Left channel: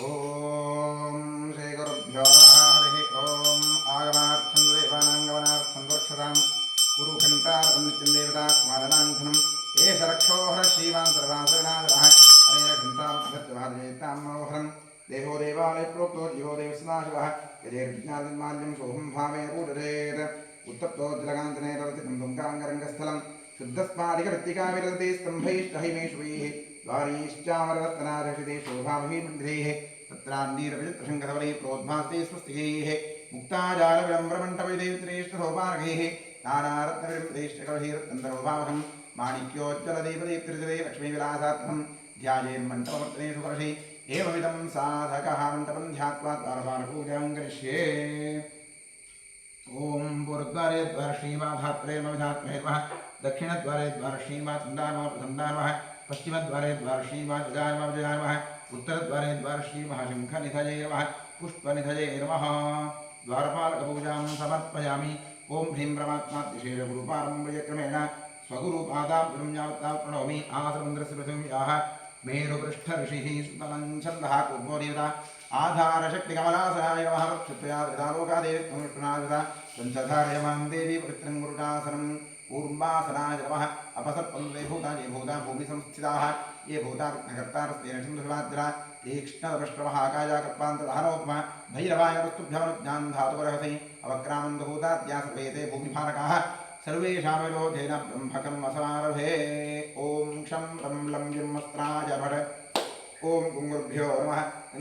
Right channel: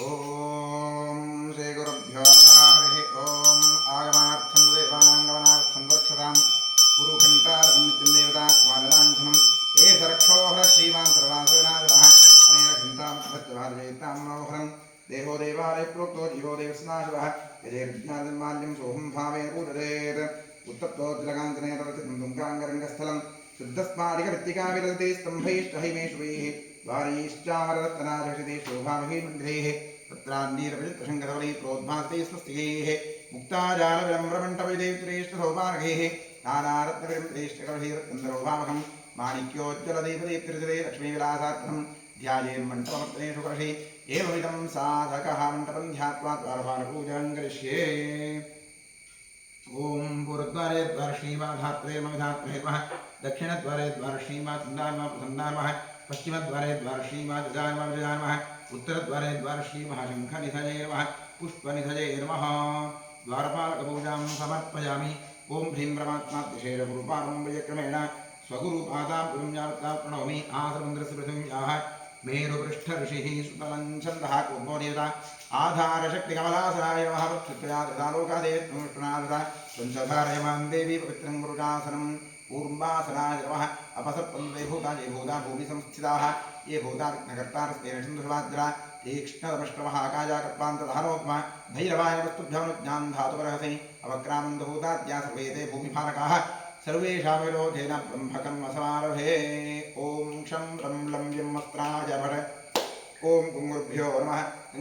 ओम श्री गुरुभ्यो नमः हरि ओम आगमार्थं देवानांगमनार्थं दोक्षतां कुरुघण्टारतं नित्यं देवता कुमारलाञ्छनं ये सरक्षोहर श्रीमान् सर्वासुरनाथः अनेन घण्टामभ्यत्वाजयतां मनोहरं देहो देवालय प्रोक्तो जीवो देवस्नाशिवः यजेर्ज्ञानमाल्यं सोऽहं भावेन पूजयेत् उत्तप्तोज्जलकाञ्चने रतिं तुङ्गाङ्गरङ्गस्थलं शुद्धस्फाटिकवृत्तिकाविरलते स्तम्भैष्टहिमेष्वैः द्वारीश्चामररत्नारक्षिते शोभामहीमण्डितैः तत्रान्नीरविचित्रशङ्खधवलैः प्रोद्भासिते स्वस्तिकैः मुक्ताजालविलम्ब्रमण्टपविदेवत्रेष्ठसोपानकैः नानारत्नविरम्बदेष्टकवैरत्नन्दरोभावहं माणिक्योज्जलदीपदीप्तिरिजते लक्ष्मीविलासार्थं ध्यायेन्मण्टपवर्तनेषु कर्षे एवमिदं साधकः मण्टपं ध्यात्वा द्वारपालपूजां करिष्ये। ओम पूर्वद्वारे द्वारश्रीमाधात्रे मविधात्महेर्मः दक्षिणद्वारे द्वारश्रीमाचन्दानमः प्रसन्नानमः पश्चिमद्वारे द्वारश्रीमाजजानमः उत्तरद्वारे द्वारश्रीमहाशङ्खनिधये नमः पुष्पनिधये नमः। द्वारपालकपूजां समर्पयामि। ओम ह्रीं परमात्माद्यशेरगुरुपारम्पर्यक्रमेण स्वगुरुपादां गुरुं यावत्तां प्रणौमि। आसमन्द्रस्य पृथिव्याः मेरुपृष्ठऋषिः सुतलञ्छन्दः कुर्वोदेवता आधारशक्तिकमलासनाय नमः। वक्षत्वया लोकादेवीत्वमुष्टनादता संसधारयमान् देवी पवित्रं गुरुडासनं कूर्मासनाय नमः। अपसर्पन्ते भूता ये भूता भूमिसंस्थिताः ये भूता विघ्नकर्तारस्तेन सिन्धुवाद्रा तीक्ष्णदपष्ट्रमः आकाशाकर्पान्तदहनोपमः भैरवाय वस्तुभ्यमनुज्ञान् धातुपरहसै अवक्रामन्तभूताद्या सर्वे ते भूमिफारकाः सर्वेषां विरोधेन ब्रह्मकर्मसमारभे। ओम क्षं रं लं यमस्त्राय भट। ओम गुरुभ्यो नमः।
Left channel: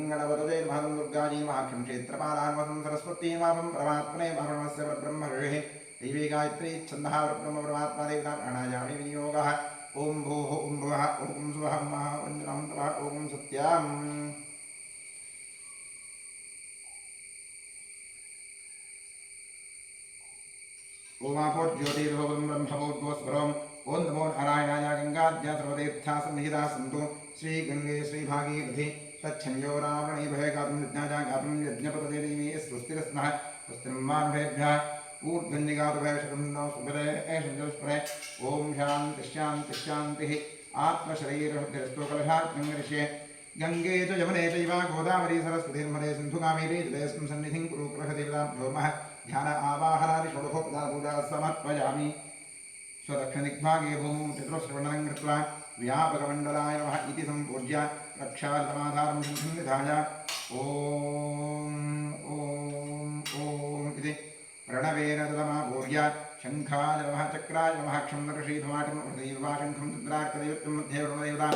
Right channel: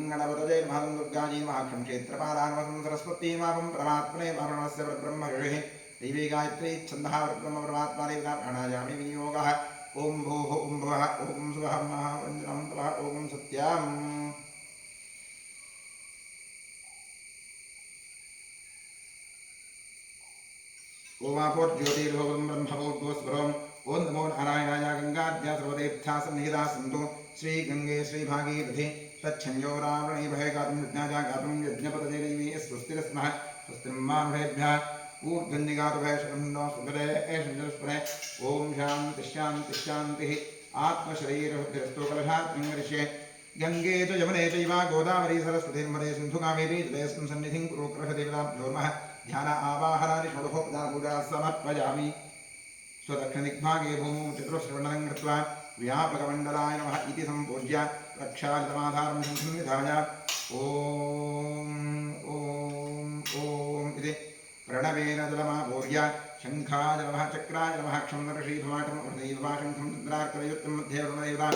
गणपतये नमः। दुर्गाजी नमः। क्षं क्षेत्रपालाय नमः। सरस्वती नमः। परमात्मने ब्रह्मणस्य परब्रह्म ऋषिः दैवी गायत्री छन्दः परब्रह्म परमात्मा देवता प्राणायामि विनियोगः। ओम भूः ओम भुवः ओम सुवः महावञ्जनं तवः ओम सत्यम्। ओमापोज्योतिर्भवं ब्रह्मभूद्वस्वरम्। ओं नमो नारायणाय। गंगाद्या सर्वतीर्था सन्निहिता सन्तु श्रीगंगे श्रीभागीरथि तच्छंयोरावृणे भये गातुं यज्ञाजा गातुं यज्ञपतये देवी स्वस्तिरस्मः स्वस्तिर्मानुभेभ्यः ऊर्ध्वन्निगातु भयशरं नो सुभरे एषंजस्परे। ओम शान्ति शान्ति शान्तिः। आत्मशरीरबुद्धिरस्तु कलशात्मं करिष्ये। गंगे च यमुने चैव गोदावरी सरस्वती नर्मदे सिन्धु कावेरी जलेऽस्मिन् सन्निधिं कुरु कृषदेवताभ्यो नमः। ध्यान आवाहनादि षोडशोपचारपूजा समर्पयामि। स्वदक्षिणदिग्भागे भूमौ चतुश्रवणं कृत्वा व्यापकमण्डलाय नमः इति सम्पूज्य प्रक्षालितमाधारं शङ्खं निधाय ओम ओम ओम इति प्रणवेन जलमापूर्य शङ्खाय नमः चक्राय नमः क्षं नरषीभमाटं हृदयवाशङ्खं तत्रार्कदैवत्यं मध्ये वरुणदेवता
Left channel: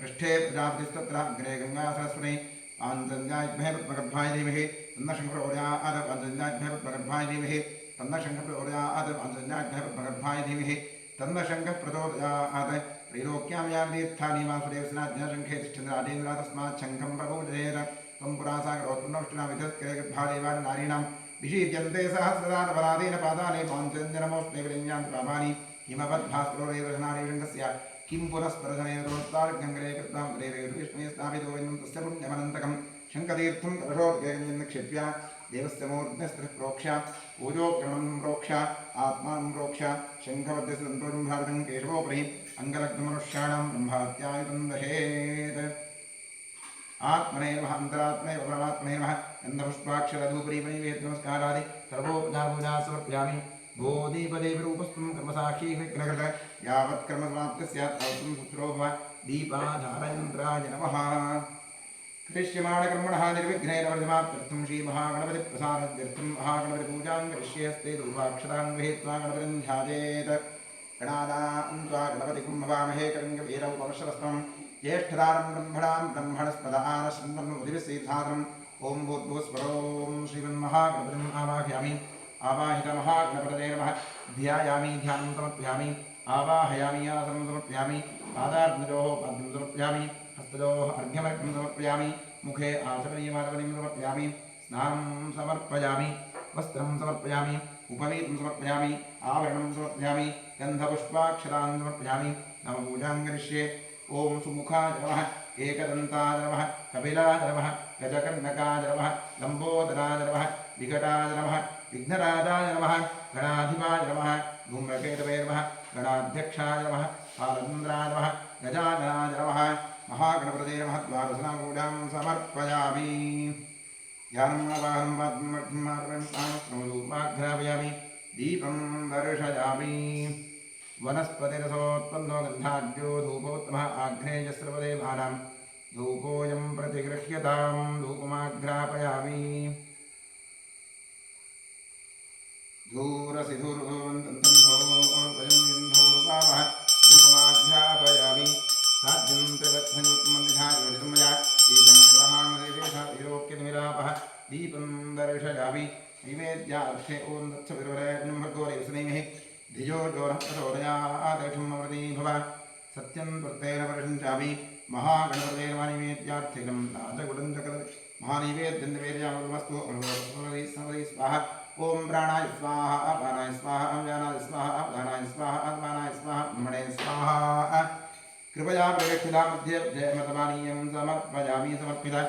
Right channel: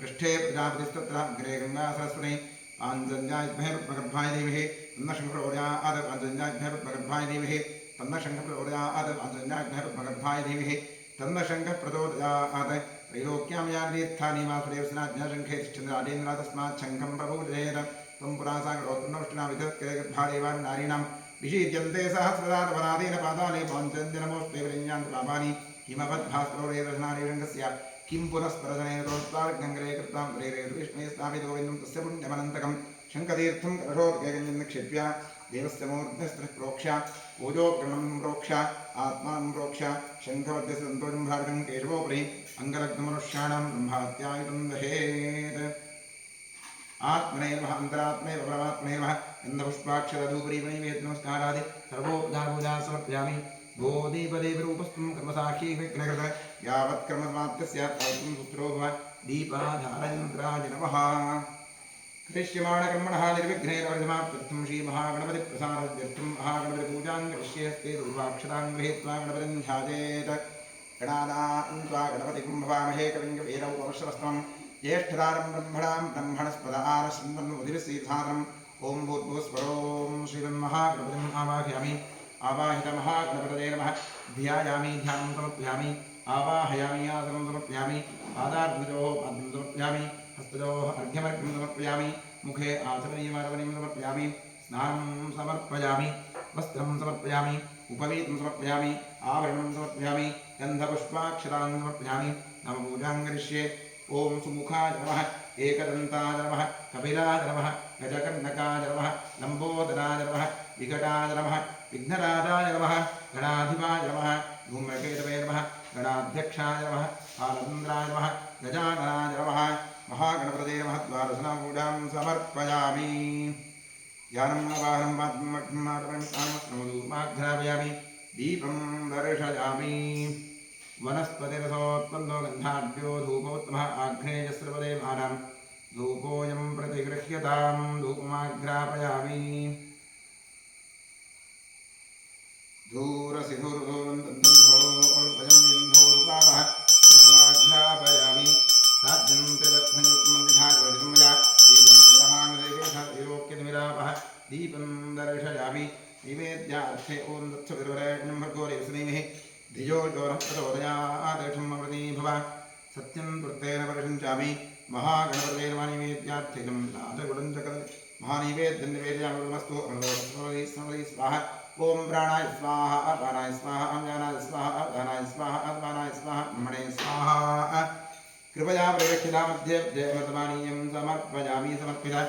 पृष्ठे प्रजापतिस्तत्र अग्रे गङ्गा सरस्वती पाञ्चजन्याभ्यः पद्मगर्भाय धीमहि तन्नः शङ्करोदयात् पाञ्चजन्याभ्यः पद्मगर्भाय धीमहि तन्नः शङ्कः प्रचोदयात् पाञ्चजन्याभ्यः पद्मगर्भाय धीमहि तन्नः शङ्कः प्रचोदयात्। त्रैलोक्यां यानि तीर्थानि वासुदेवसेनाज्ञाशङ्खे तिष्ठन्ति राजेन्द्र तस्मात् शङ्खं प्रपूजयेत्। त्वं पुरा सागरोत्पन्नवष्टिनामितत्के गद्भादेवानि नारीणां विशीर्यन्ते सहस्रदातपराधेन पादानि पाञ्चजन्यनमोऽस्ते विलिञ्जान्ति पापानि हिमवद्भास्करोरेतनारीशङ्खस्य किं पुनस्परजनेन तोत्तार्गङ्गरे कृतां प्रेरयतु विष्णुवे स्थापितो गोविन्दं तस्य पुण्यमनन्तकं शङ्खतीर्थं कलशोदकेकञ्जं निक्षिप्य देवस्य मूर्ध्नस्त्रिः प्रोक्ष्य पूजोपकरणं प्रोक्ष्य आत्मानं प्रोक्ष्य शङ्खवद्यस्य सन्तोषं भावितं केशवोपरि अङ्गलग्नमनुष्याणां ब्रह्महत्यायुधं दहेत्। आत्मने नमः। अन्तरात्मने परमात्मने नमः। गन्धपुष्पाक्षरधूपरीपणिवेद नमस्कारादि सर्वोपचारपूजा समर्पयामि। गोदीपदेवरूपस्थं कर्मसाक्षी विघ्नकृत यावत् कर्मसमाप्तिस्यात् सूत्रो भव। दीपाधारयन्त्राय नमः। करिष्यमाणकर्मणः निर्विघ्नेन परिसमाप्त्यर्थं श्रीमहागणपतिप्रसादार्थं महागणपतिपूजां करिष्ये। हस्ते दूर्वाक्षतां गृहीत्वा गणपतिं ध्यायेत्। गणानां त्वा गणपतिं भवामहे कविं कवीरमुपमश्रवस्तमं ज्येष्ठदानं ब्रह्मणां ब्रह्मणस्पद आनश्चन्द्रमुदिविश्रीधारणम्। ओं भूर्भुवस्वरों श्रीमन्महागणपतिम् आवाहयामि। आवाहितमहागणपतये नमः। ध्यायामि ध्यानं समर्पयामि। आवाहयामि आसनं समर्पयामि। पादार्घ्ययोः पाद्यं समर्पयामि। हस्तयोः अर्घ्यमर्घ्यं समर्पयामि। मुखे आचमनीयमार्वणीं समर्पयामि। स्नानं समर्पयामि। वस्त्रं समर्पयामि। उपवीतं समर्पयामि। आवरणं समर्पयामि। गन्धपुष्पाक्षतान् समर्पयामि। नवपूजां करिष्ये। ओम सुमुखाय नमः। एकदन्ताय नमः। कपिलाय नमः। गजकर्णकाय नमः। लम्बोदराय नमः। विकटाय नमः। विघ्नराजाय नमः। गणाधिपाय नमः। धूम्रकेतवे नमः। गणाध्यक्षाय नमः। कालचन्द्राय नमः। गजाननाय नमः महागणपतये नमः द्वादशनामपूजां समर्पयामि ध्यानं वाहनं वाग्घ्रापयामि दीपं दर्शयामि वनस्पतिरसोत्पन्नो गन्धाढ्यो धूपोत्तमः आग्नेयस्रवदे भानां धूपोऽयं प्रतिगृह्यतां धूपमाघ्रापयामि धूरसि धूर्धूर्वन्तन्धोर्वयं धूपमाघ्रापयामि साध्यं त्रिवत्संयुक्तमन्दिधायोजितं मया दीपं ग्रहाणदेवेशोक्यनिरापः दीपं दर्शयामि नैवेद्यार्थे ॐ दत्सविर्वरेण्यं भर्गो देवस्नेमिः धियो जो नः प्रचोदयादेशम् अमृती भव सत्यं वृत्तेन परिषञ्चामि महागणपतये नमः नैवेद्यार्थैनं नादगुडं च महानैवेद्यं निवेदयामस्तु अमृतस्मृति स्वाहा ओम प्राणाय स्वाहा अपानाय स्वाहा अव्यानाय स्वाहा अवधानाय स्वाहा आत्मानाय स्वाहा ब्रह्मणे स्वाहा कृपया प्रदक्षिणा मध्ये जयमतमानीयं समर्पयामि समर्पिता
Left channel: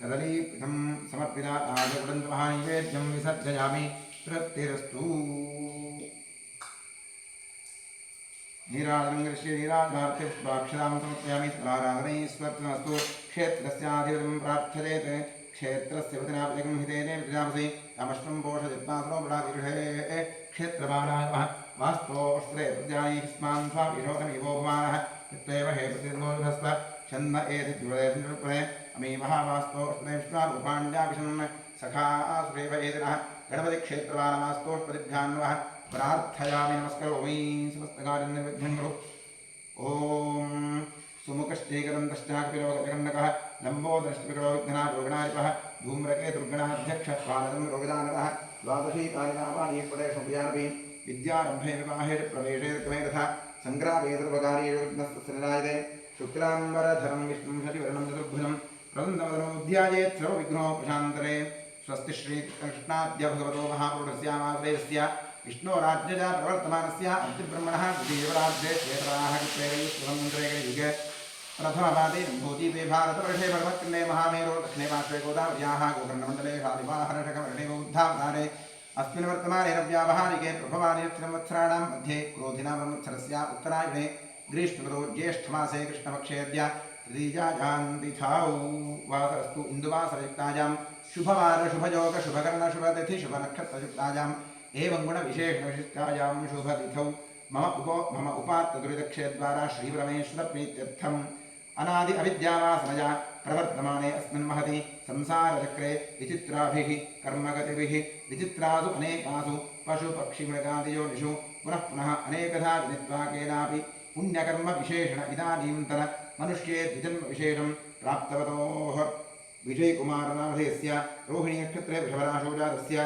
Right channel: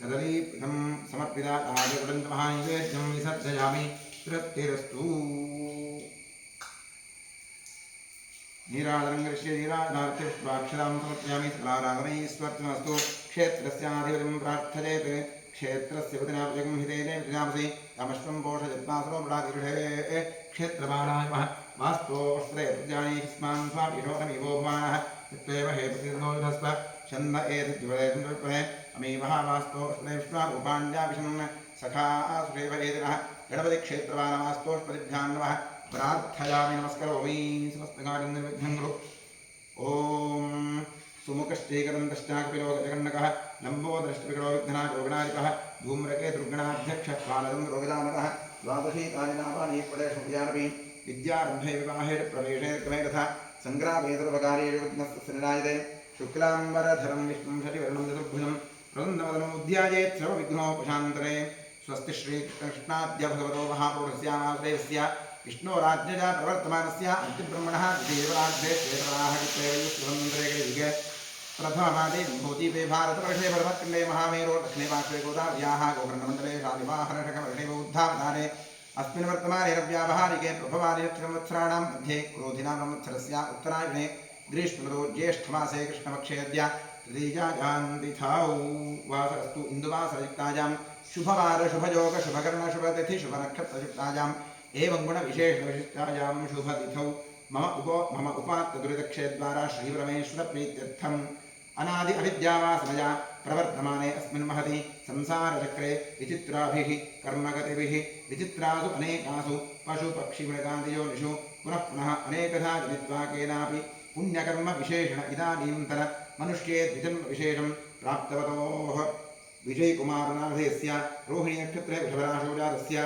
कदलीपीठं समर्पिता आजगुडं च महानैवेद्यं विसर्जयामि तृप्तिरस्तु नीराजनङ्गर्ष्ये नीराजनार्थे पुष्पाक्षरां समर्पयामि सकलाराधनैश्वर्तनमस्तु क्षेत्रस्याधिपतिं प्रार्थयेत् क्षेत्रस्य वचनापजगं हितेने विजामसि कामश्वं पोषयत्नासनो मृडातिर्षे क्षेत्रमानाय नमः वास्तोऽस्त्रे प्रजानी स्मान् स्वामीशोकमीवो भवानः यत्त्वेव हे प्रतिनो युधस्व छन्न एतद्विपदे अमीवः वास्तोऽस्त्रे विश्वारूपाण्याभिषन् सखा सुरेव एदिनः गणपतिक्षेत्रवानवास्तोष्पतिभ्यां नमः प्रार्थयामि नमस्करोमि समस्तकार्यं निर्विघ्नं कुरु ॐ सुमुखश्चैकदन्तश्चाकपिलो गजगण्डकः लम्बोदरश्चपिकलो विघ्नात् रोगणाधिपः धूम्रकेतुर्गणाध्यक्षः पालनं रोगदानकः द्वादशीतानि नामानि पदेशुपयानपि विद्यारम्भे विवाहे प्रवेशे क्रमे तथा सङ्ग्रामे सर्वकार्ये विघ्नस्तनिरायते शुक्लाम्बरधरं विष्णुं शशिवर्णं चतुर्भुजं प्रसन्नवदनमुद्यायेत् सर्वविघ्नोपशान्तरे स्वस्ति श्रीकृष्णाद्य भगवतो महापुरुषस्यामाश्रयस्य विष्णोराज्ञया प्रवर्तमानस्य अद्यब्रह्मणः द्वितीयवराध्ये श्वेतराहकृत्वेयुगे प्रथमवादे भूतिपे भारतवर्षे परमखण्डे महामेरो दक्षिणे पार्श्वे गोदावर्याः गोकर्णमण्डले शालिवाहनषकवर्णे बौद्धावतारे अस्मिन् वर्तमाने रव्यावहारिके प्रभवानि संवत्सराणां मध्ये क्रोधिनां संवत्सरस्य उत्तरायणे ग्रीष्मऋतौ ज्येष्ठमासे कृष्णपक्षेऽद्य तृतीयाजान्तिथौ वासरस्तु इन्दुवासरयुक्तायां शुभवार शुभयोग शुभकर्ण शुभतिथि शुभनक्षत्रयुक्तायाम् एवं गुणविशेषणविशिष्टायां शुभतिथौ मम उपात्तदुरितक्षेद्वारा श्रीपरमेश्वरप्रीत्यर्थम् अनादि अविद्यावासमया प्रवर्तमाने अस्मिन् महति संसारचक्रे विचित्राभिः कर्मगतिभिः विचित्रासु अनेकासु पशुपक्षिमृगादियोनिषु पुनः पुनः अनेकधा जनित्वा केनापि पुण्यकर्मविशेषण इदानीन्तन मनुष्ये द्विजन्मविशेषं प्राप्तवतोः विजयकुमारनामधेयस्य रोहिणीनक्षत्रे वृषभराशोजातस्य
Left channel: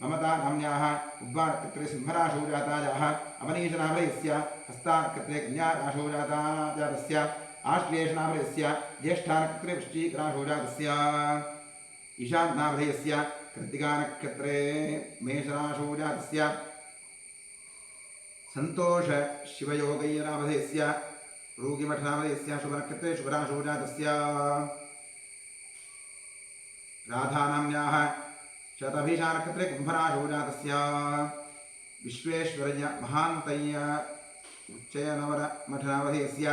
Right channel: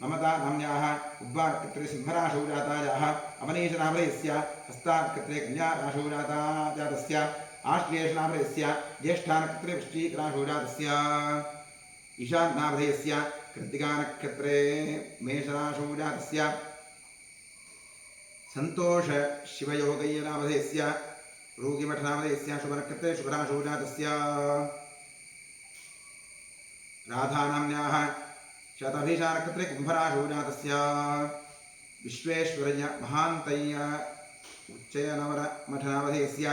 ममता नाम्न्याः उब्बानक्षत्रे सिंहराशोजातायाः अवनीशनामधेयस्य हस्तानक्षत्रे कन्याराशोजाताजातस्य आश्लेषनामधेयस्य ज्येष्ठानक्षत्रे वृश्चिकराशोजातस्य ईशान्नामधेयस्य कृत्तिकानक्षत्रे मेषराशोजातस्य सन्तोषशिवयोगय्यनामधेयस्य रोगिमठनामधेयस्य शुभनक्षत्रे शुभराशोजातस्य राधानाम्न्याः शतभिषानक्षत्रे कुम्भराशोजातस्य विश्वेश्वरय्य महान्तय्य उच्चयनवरमठनामधेयस्य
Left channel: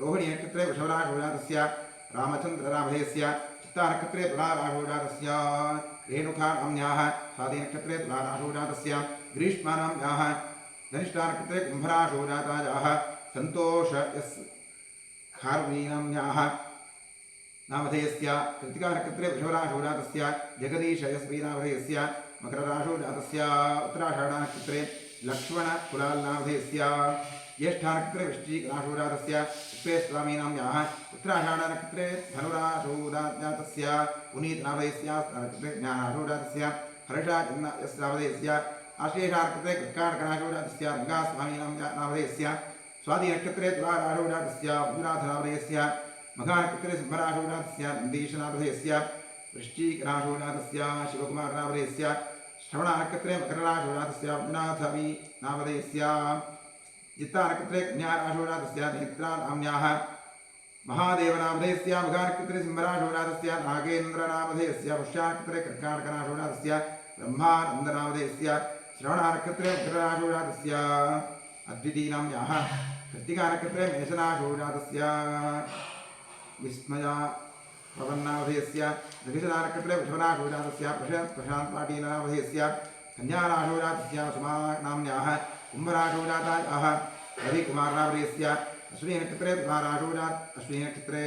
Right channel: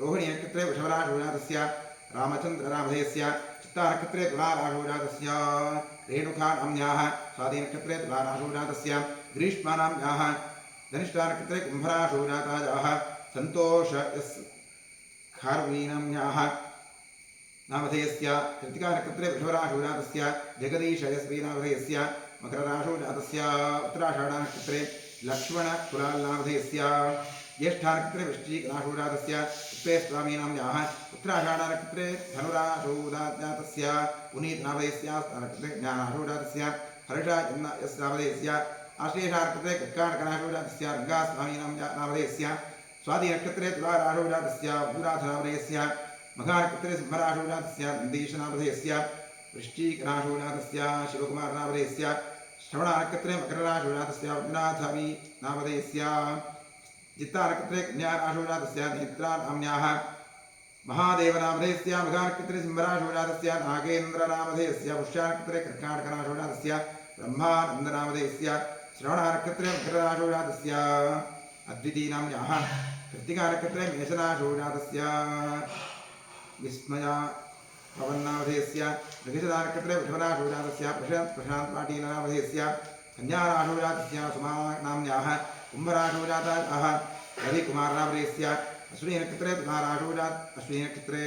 रोहिणीनक्षत्रे वृषभराशोजातस्य रामचन्द्रनामधेयस्य चित्तानक्षत्रे तुलाराशोजातस्य रेणुकानाम्न्याः स्वातिनक्षत्रे तुलाराशोजातस्य ग्रीष्मानाम्न्याः धनिष्ठानक्षत्रे कुम्भराशोजातायाः सन्तोषयस्खार्वीनाम्न्याः नामधेयस्य कृत्तिकानक्षत्रे वृषभराशोजातस्य जगदीशयस्वीनामधेयस्य मकरराशोजातस्य उत्तराषाढानक्षत्रे लक्ष्मणकुलालनामधेयस्य ज्येष्ठानक्षत्रे वृश्चिकराशोजातस्य उत्पेस्वामीनाम्न्याः उत्तराषाढानक्षत्रे धनुराशोजातस्य पुनीतनामधेयस्य नक्षत्रे ज्ञानाशोजातस्य हर्षाजन्यस्नामधेयस्य आश्लेषानक्षत्रे कर्काटकनाशोजातस्य रङ्गास्वामीनामधेयस्य स्वातिनक्षत्रे तुलाराशोजातस्य मधुराधनामधेयस्य मघानक्षत्रे सिंहराशोजातस्य नन्दीशनामधेयस्य वृश्चिकराशोजातस्य शिवकुमारनामधेयस्य श्रवणानक्षत्रे मकरराशोजातस्य उद्नाथवीनामधेयस्य चित्तानक्षत्रे कन्याराशोजातस्य नेत्रानाम्न्याः महादेवनामधेयस्य मघानक्षत्रे सिंहराशोजातस्य नागेन्द्रनामधेयस्य पुष्यानक्षत्रे कर्काटकराशोजातस्य ब्रह्मानन्दनामधेयस्य श्रवणानक्षत्रे मकरराशोजातस्य अद्वितीनाम्न्याः कृत्तिकानक्षत्रे मेषराशौ जातस्य विस्मया पवन्नामधेयस्य नक्षत्रानक्षत्रे वृषभराशौ जातस्य प्रशान्तपाटीलनामधेयस्य कन्याराशौ जातस्य सुमानाम्न्याः कुम्भराशौ जातायाः रविकुमारनामधेयस्य अश्विनीनक्षत्रे तुलाराशौ अश्विनीनक्षत्रे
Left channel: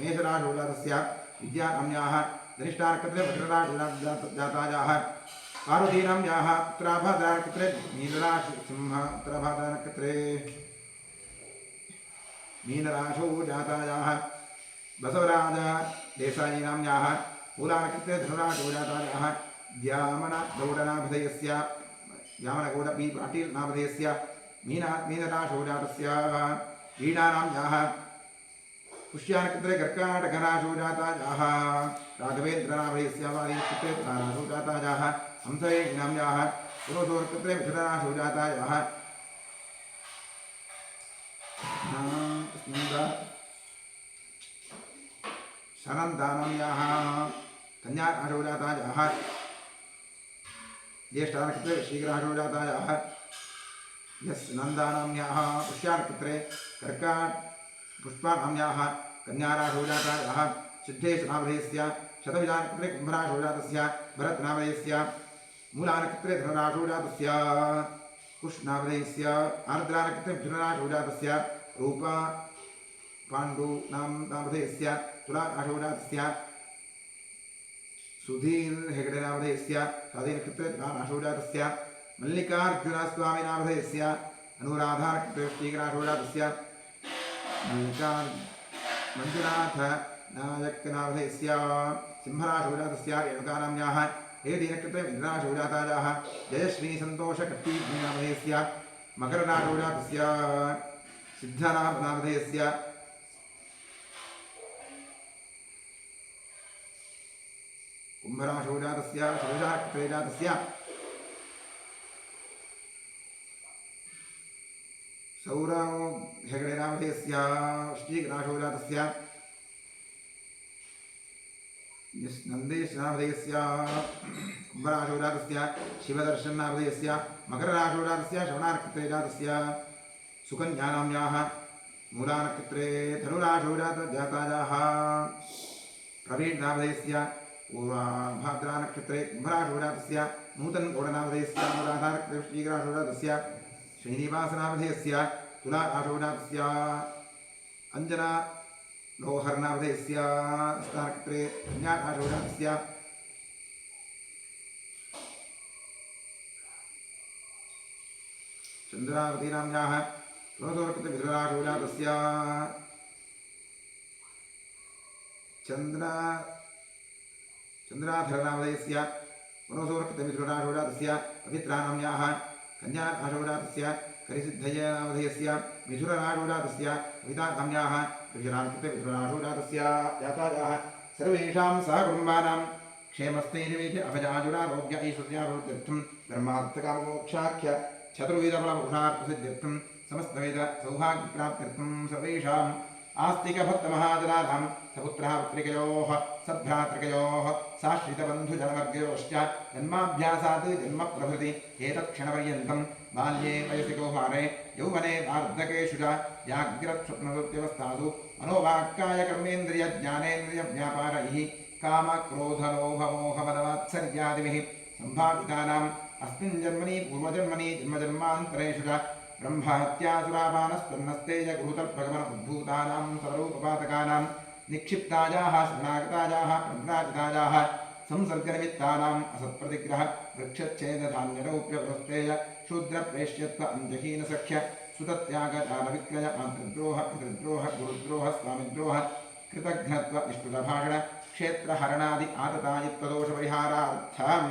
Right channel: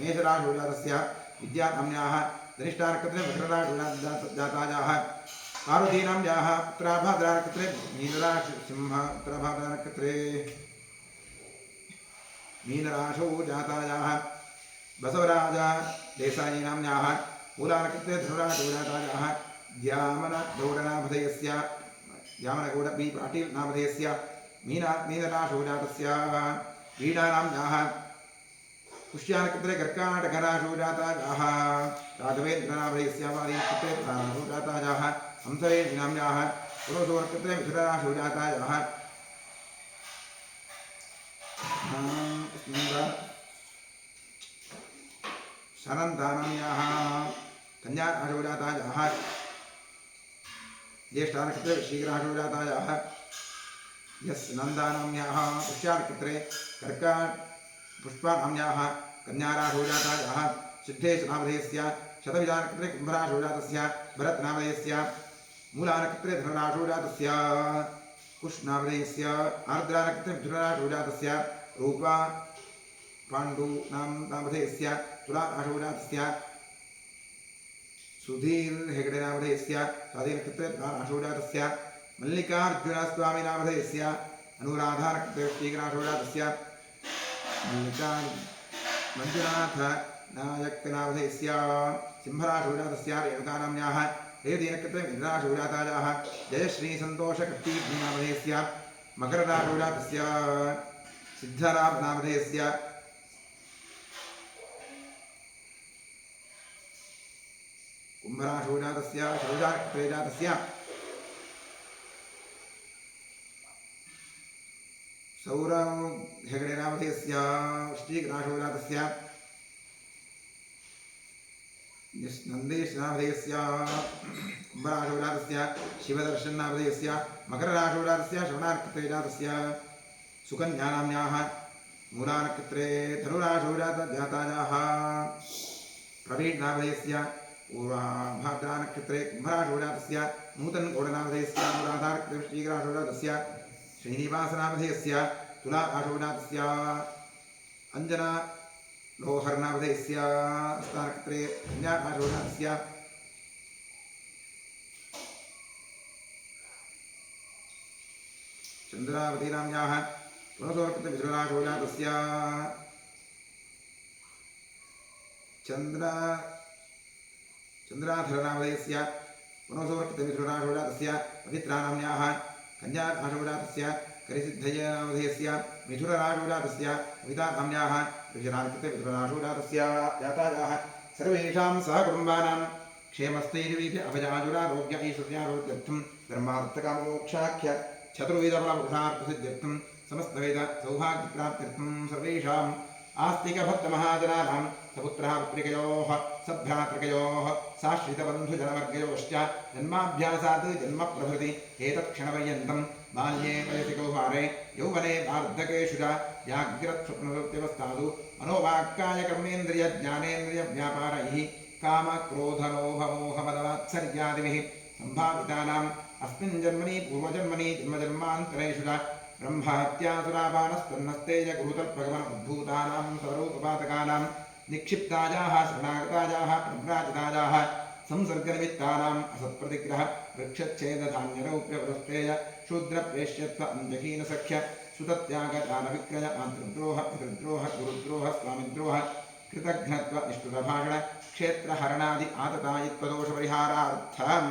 मेषराशौ जातस्य विद्यानाम्न्याः धनिष्ठानक्षत्रे मकरराशौ जातायाः पार्वतीनाम्न्याः उत्तराभाद्रानक्षत्रे मीनराशिंह उत्तराभाद्रानक्षत्रे मीनराशौ जातायाः बसवराज देसायीनाम्न्याः मूलानक्षत्रे धनुराशौ जातायाः द्यामनगौडनामधेयस्य द्यामनगौड बी पाटील नामधेयस्य मीनराशौ जातस्य वीणानाम्न्याः पुष्यानक्षत्रे कर्काटकराशौ जातायाः राघवेन्द्रनामधेयस्य वालीनक्षत्रे तुलाराशौ जातायाः हंसवेणीनाम्न्याः पुरोषोनक्षत्रे मिथुनराशौ जातायाः शनन्दानाम्न्याः कन्याराशौ जातायाः ज्येष्ठानक्षत्रे वृश्चिकराशौ जातायाः यस्नन्दानाम्न्याः पुष्यानक्षत्रे पुष्पानाम्न्याः कन्याराशौ जातायाः सिद्धेशनामधेयस्य शतविजानक्षत्रे कुम्भराशौ जातस्य भरतनामधेयस्य मूलानक्षत्रे धनुराशौ जातस्य कुशनामधेयस्य आर्द्रानक्षत्रे मिथुनराशौ जातस्य रूपा पाण्डुनामधेयस्य तुलाराशौ जातस्य सुधीर हेगडेनामधेयस्य स्वाधीनक्षत्रे तुलाराशौ जातस्य मल्लिकार्जुनस्वामिनामधेयस्य अनुराधानक्षत्रे वृश्चिकराशौ जातस्य मंजुनाथ नायकनामधेयस्य सिंहराशौ जातस्य रेणुकानाम्न्याः रेवतीनक्षत्रे मिथुनराशौ जातायाः जयश्रीसन्तोषकट्टीनामधेयस्य मकरराशौ जातस्य सिद्धरामनामधेयस्य कुम्भराशौ जातस्य शतविजानक्षत्रे जातस्य सौरव हेगडेनामधेयस्य वृश्चिकराशौ जातस्य नन्देशनामधेयस्य कुम्भराशौ जातस्य शिवदर्शननामधेयस्य मकरराशौ जातस्य श्रवणानक्षत्रे जातस्य सुकन्यानाम्न्याः मूलानक्षत्रे धनुराशौ जातायाः प्रवीणनामधेयस्य पूर्वाभाद्रानक्षत्रे कुम्भराशौ जातस्य नूतनगौडनामधेयस्य अनुराधानक्षत्रे वृश्चिकराशौ जातस्य श्रीनिवासनामधेयस्य तुलाराशौ जातस्य अंजना लोहरनामधेयस्य स्थानक्षत्रे कन्याराशौ जातस्य चन्द्रावतीनाम्न्याः पुनसोनक्षत्रे मिथुनराशौ जातस्य चन्द्राधरनामधेयस्य पुनसोनक्षत्रे मिथुनराशौ जातस्य पवित्रानाम्न्याः कन्याराशौ जातस्य करिसिद्धयनामधेयस्य मिथुनराशौ जातस्य कवितानाम्न्याः ऋषरानक्षत्रे मिथुनराशौ जातस्य जातायाः सर्वेषां सहकुटुम्बानां क्षेमस्थैर्वीर्य अभयाजुरारोग्य ऐश्वर्यारोग्यर्थं धर्मार्थकाममोक्षाख्य चतुर्विधफलपुरुषार्थसिद्ध्यर्थं समस्तवेद सौभाग्यप्राप्त्यर्थं सर्वेषाम् आस्तिकभक्तमहाजनानां सपुत्रः पुत्रिकयोः सभ्रातृकयोः साश्रितबन्धुजनवर्गयोश्च जन्माभ्यासात् जन्मप्रभृति एतत्क्षणपर्यन्तं बाल्ये वयसि कौमारे यौवने वार्धकेषु च जाग्रत्स्वप्नवृत्त्यवस्थासु मनोवाक्कायकर्मेन्द्रियज्ञानेन्द्रियव्यापारैः कामक्रोधलोभमोहमदवात्सर्यादिभिः सम्भावितानाम् अस्मिन् जन्मनि पूर्वजन्मनि जन्मजन्मान्तरेषु च ब्रह्महत्यासुरापानस्तन्नस्तेज गुरुतल्पगमनोद्भूतानां सर्वोपपातकानां निक्षिप्तायाः शरणागतायाः प्रभ्राजितायाः संसर्गनिमित्तानाम् असत्प्रतिग्रह वृक्षच्छेदधान्यरौप्यपुरस्तेज शूद्रप्रेष्यत्व अंजहीनसख्य सुतत्यागदानविक्रय मातृद्रोह पितृद्रोह गुरुद्रोह स्वामिद्रोह कृतघ्नत्व निष्ठुरभाषण क्षेत्रहरणादि आततायित्वदोषपरिहारार्थम्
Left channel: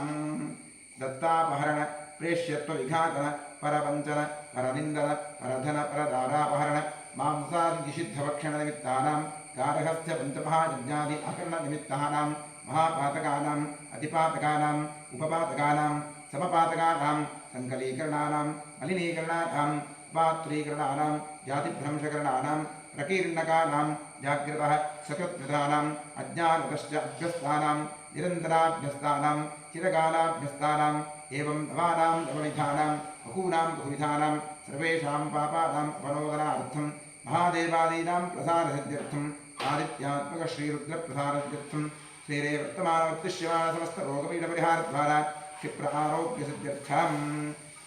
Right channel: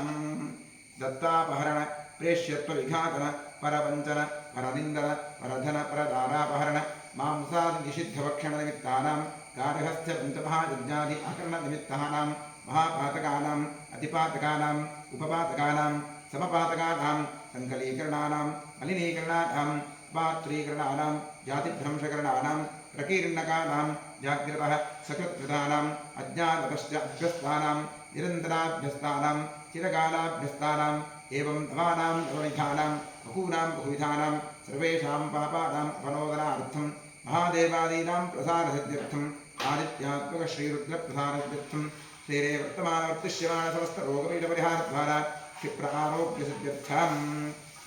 दत्तापहरण प्रेष्यत्व विघातन परवञ्चन परनिन्दन परधन परदारापहरण मांसादि निषिद्धभक्षण निमित्तानां गार्हस्थ्य पंचमहायज्ञादि आकरण निमित्तानां महापातकानाम् अतिपातकानाम् उपपातकानां समपातकानां संकलीकरणानां मलिनीकरणानां पात्रीकरणानां जातिभ्रंशकरणानां प्रकीर्णकानां जाग्रतः सकृत्कृतानाम् अज्ञानतश्च अभ्यस्तानां निरन्तराभ्यस्तानां चिरकालाभ्यस्तानाम् एवं नवानां नवविधानां बहूनां बहुविधानां सर्वेषां पापानाम् अपनोदनार्थं महादेवादीनां प्रसारसिद्ध्यर्थम् आदित्यात्मकश्रीरुद्रप्रसारसिद्ध्यर्थं श्रीरेवर्तमानवर्तिष्यमाण समस्तरोगपीठपरिहारद्वारा क्षिप्र आरोग्यसिद्ध्यर्थम्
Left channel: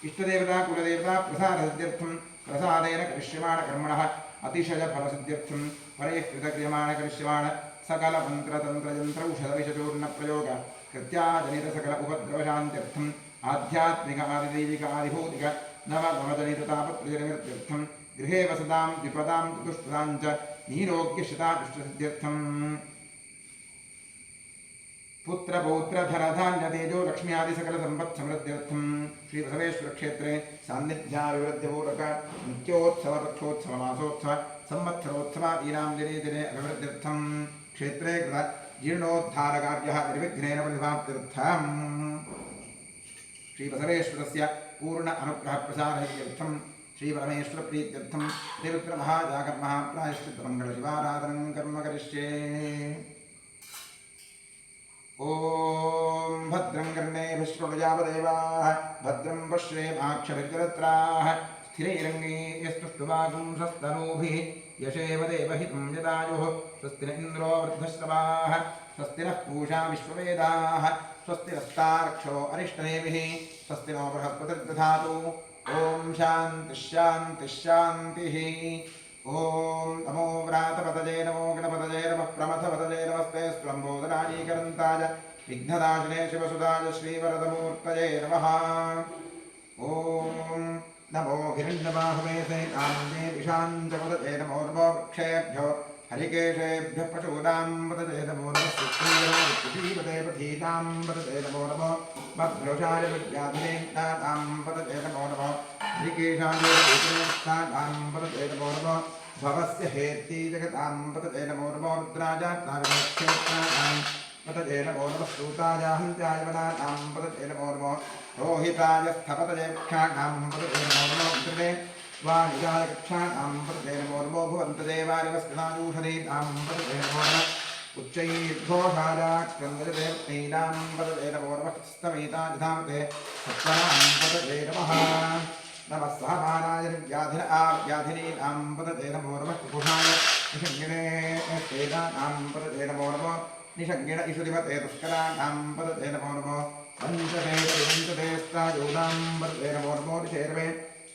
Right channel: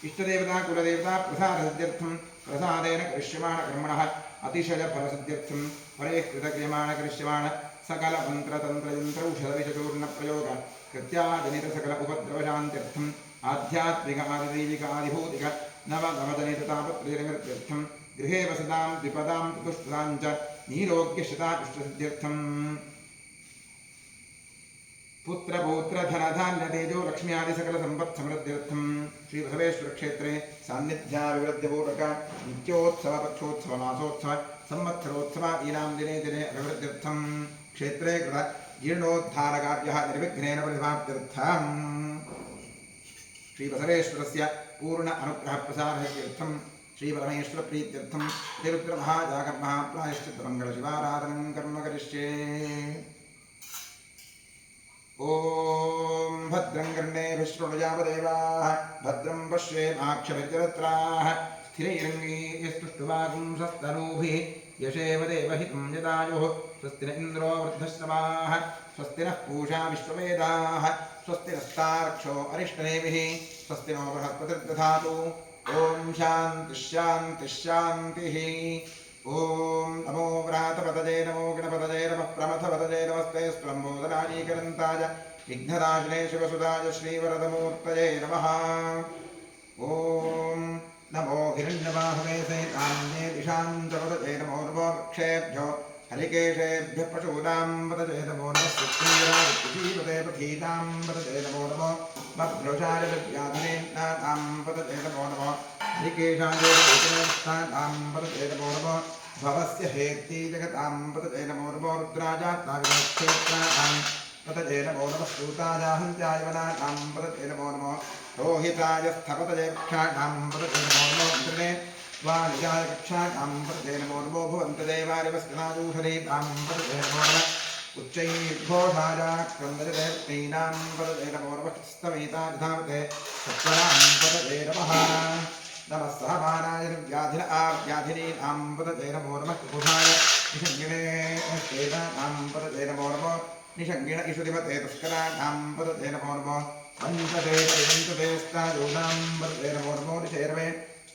इष्टदेवता कुलदेवता प्रसादसिद्ध्यर्थं प्रसादेन करिष्यमाण कर्मणः अतिशयफलसिद्ध्यर्थं परैः कृतक्रियमाण करिष्यमाण सकलमन्त्रतन्त्रयन्त्रौषधविषचूर्णप्रयोग कृत्याजनितसकल उपद्रवशान्त्यर्थम् आध्यात्मिक आदिदैविक आदिभौतिक नवनवजनिततापत्रयनिवृत्त्यर्थं गृहे वसतां द्विपदां चतुष्पदां च नीरोग्यशतादुष्टसिद्ध्यर्थम् पुत्र पौत्र धन धान्य तेजो लक्ष्मी आदि सकल संपत् समृद्ध्यर्थम श्री बसवेश्वर क्षेत्रे सान्निध्याभिवृद्धिपूर्वक नित्योत्सव पक्षोत्सव मासोत्सव संवत्सरोत्सव ईनां दिने दिने अभिवृद्ध्यर्थम क्षेत्रे कृत जीर्णोद्धारकार्यः निर्विघ्नेन परिसमाप्त्यर्थम् श्री बसवेश्वरस्य पूर्ण अनुग्रह प्रसारार्थं श्री परमेश्वर प्रीत्यर्थं श्रीरुद्र महाजागं महाप्रायश्चित्त मंगल शिवाराधनं कर्म करिष्ये। ओम भद्रं कर्णेभिः शृणुयामदेवाः भद्रं पश्येमाक्षभिर्जरत्राः स्थिरैरङ्गैस्तुष्टुवागुंसस्तनूभिः यशेव देवहितं यदायुः स्वस्ति न इन्द्रो वृद्धश्रवाः स्वस्ति नः पूषा विश्ववेदाः स्वस्ति नस्तार्क्ष्यो अरिष्टनेमिः स्वस्ति नो बृहस्पतिर्दधातु। ओम शान्तिः शान्तिः शान्तिः। ओम नमो व्रातपतये नमो गणपतये नमः प्रमथपतये नमस्ते स्त्वम्बोदराजीकरन्ताय विघ्नदाशिने शिवसुताय श्रीवरदमूर्तये नमः। ओम नमो हिरण्यबाहवे सहितान्ये दिशाञ्चपतये नमो नमो वृक्षेभ्यो हरिकेशेभ्यः पशूनां पतये नमो नमः सुक्षीरापते पथीतां पतये नमो नमो मध्योषाय विद्याधनेनां पतये नमो नमः हरिकेशाय विष्णुस्थानां पतये नमो नमः भवस्य हेति जगतां पतये नमो नमो रुद्राजात्माविक्षेत्राणां पतये नमो नमः सूताय हन्त्याय वनानां पतये नमो नमः रोहिताय स्थपतये वृक्षाणां पतये नमो नमः कृते वाणिजाय कक्षाणां पतये नमो नमो भुवन्तदेवारिवस्कनाजूषधीनां पतये नमो नमः उच्चैर्घोषाय क्रन्दजदेवतीनां पतये नमो नमः स्तमेताधामते सत्वरां पतये नमः नमः सहमानाय व्याधिन व्याधिनीनां पतये नमो नमः कुकुषाय निषङ्गिणे तेनां पतये नमो नमः निषङ्गिण इषुधिपते तस्कराणां पतये नमो नमः पञ्चते स्तायोनां पतये नमो नमो निशेर्वे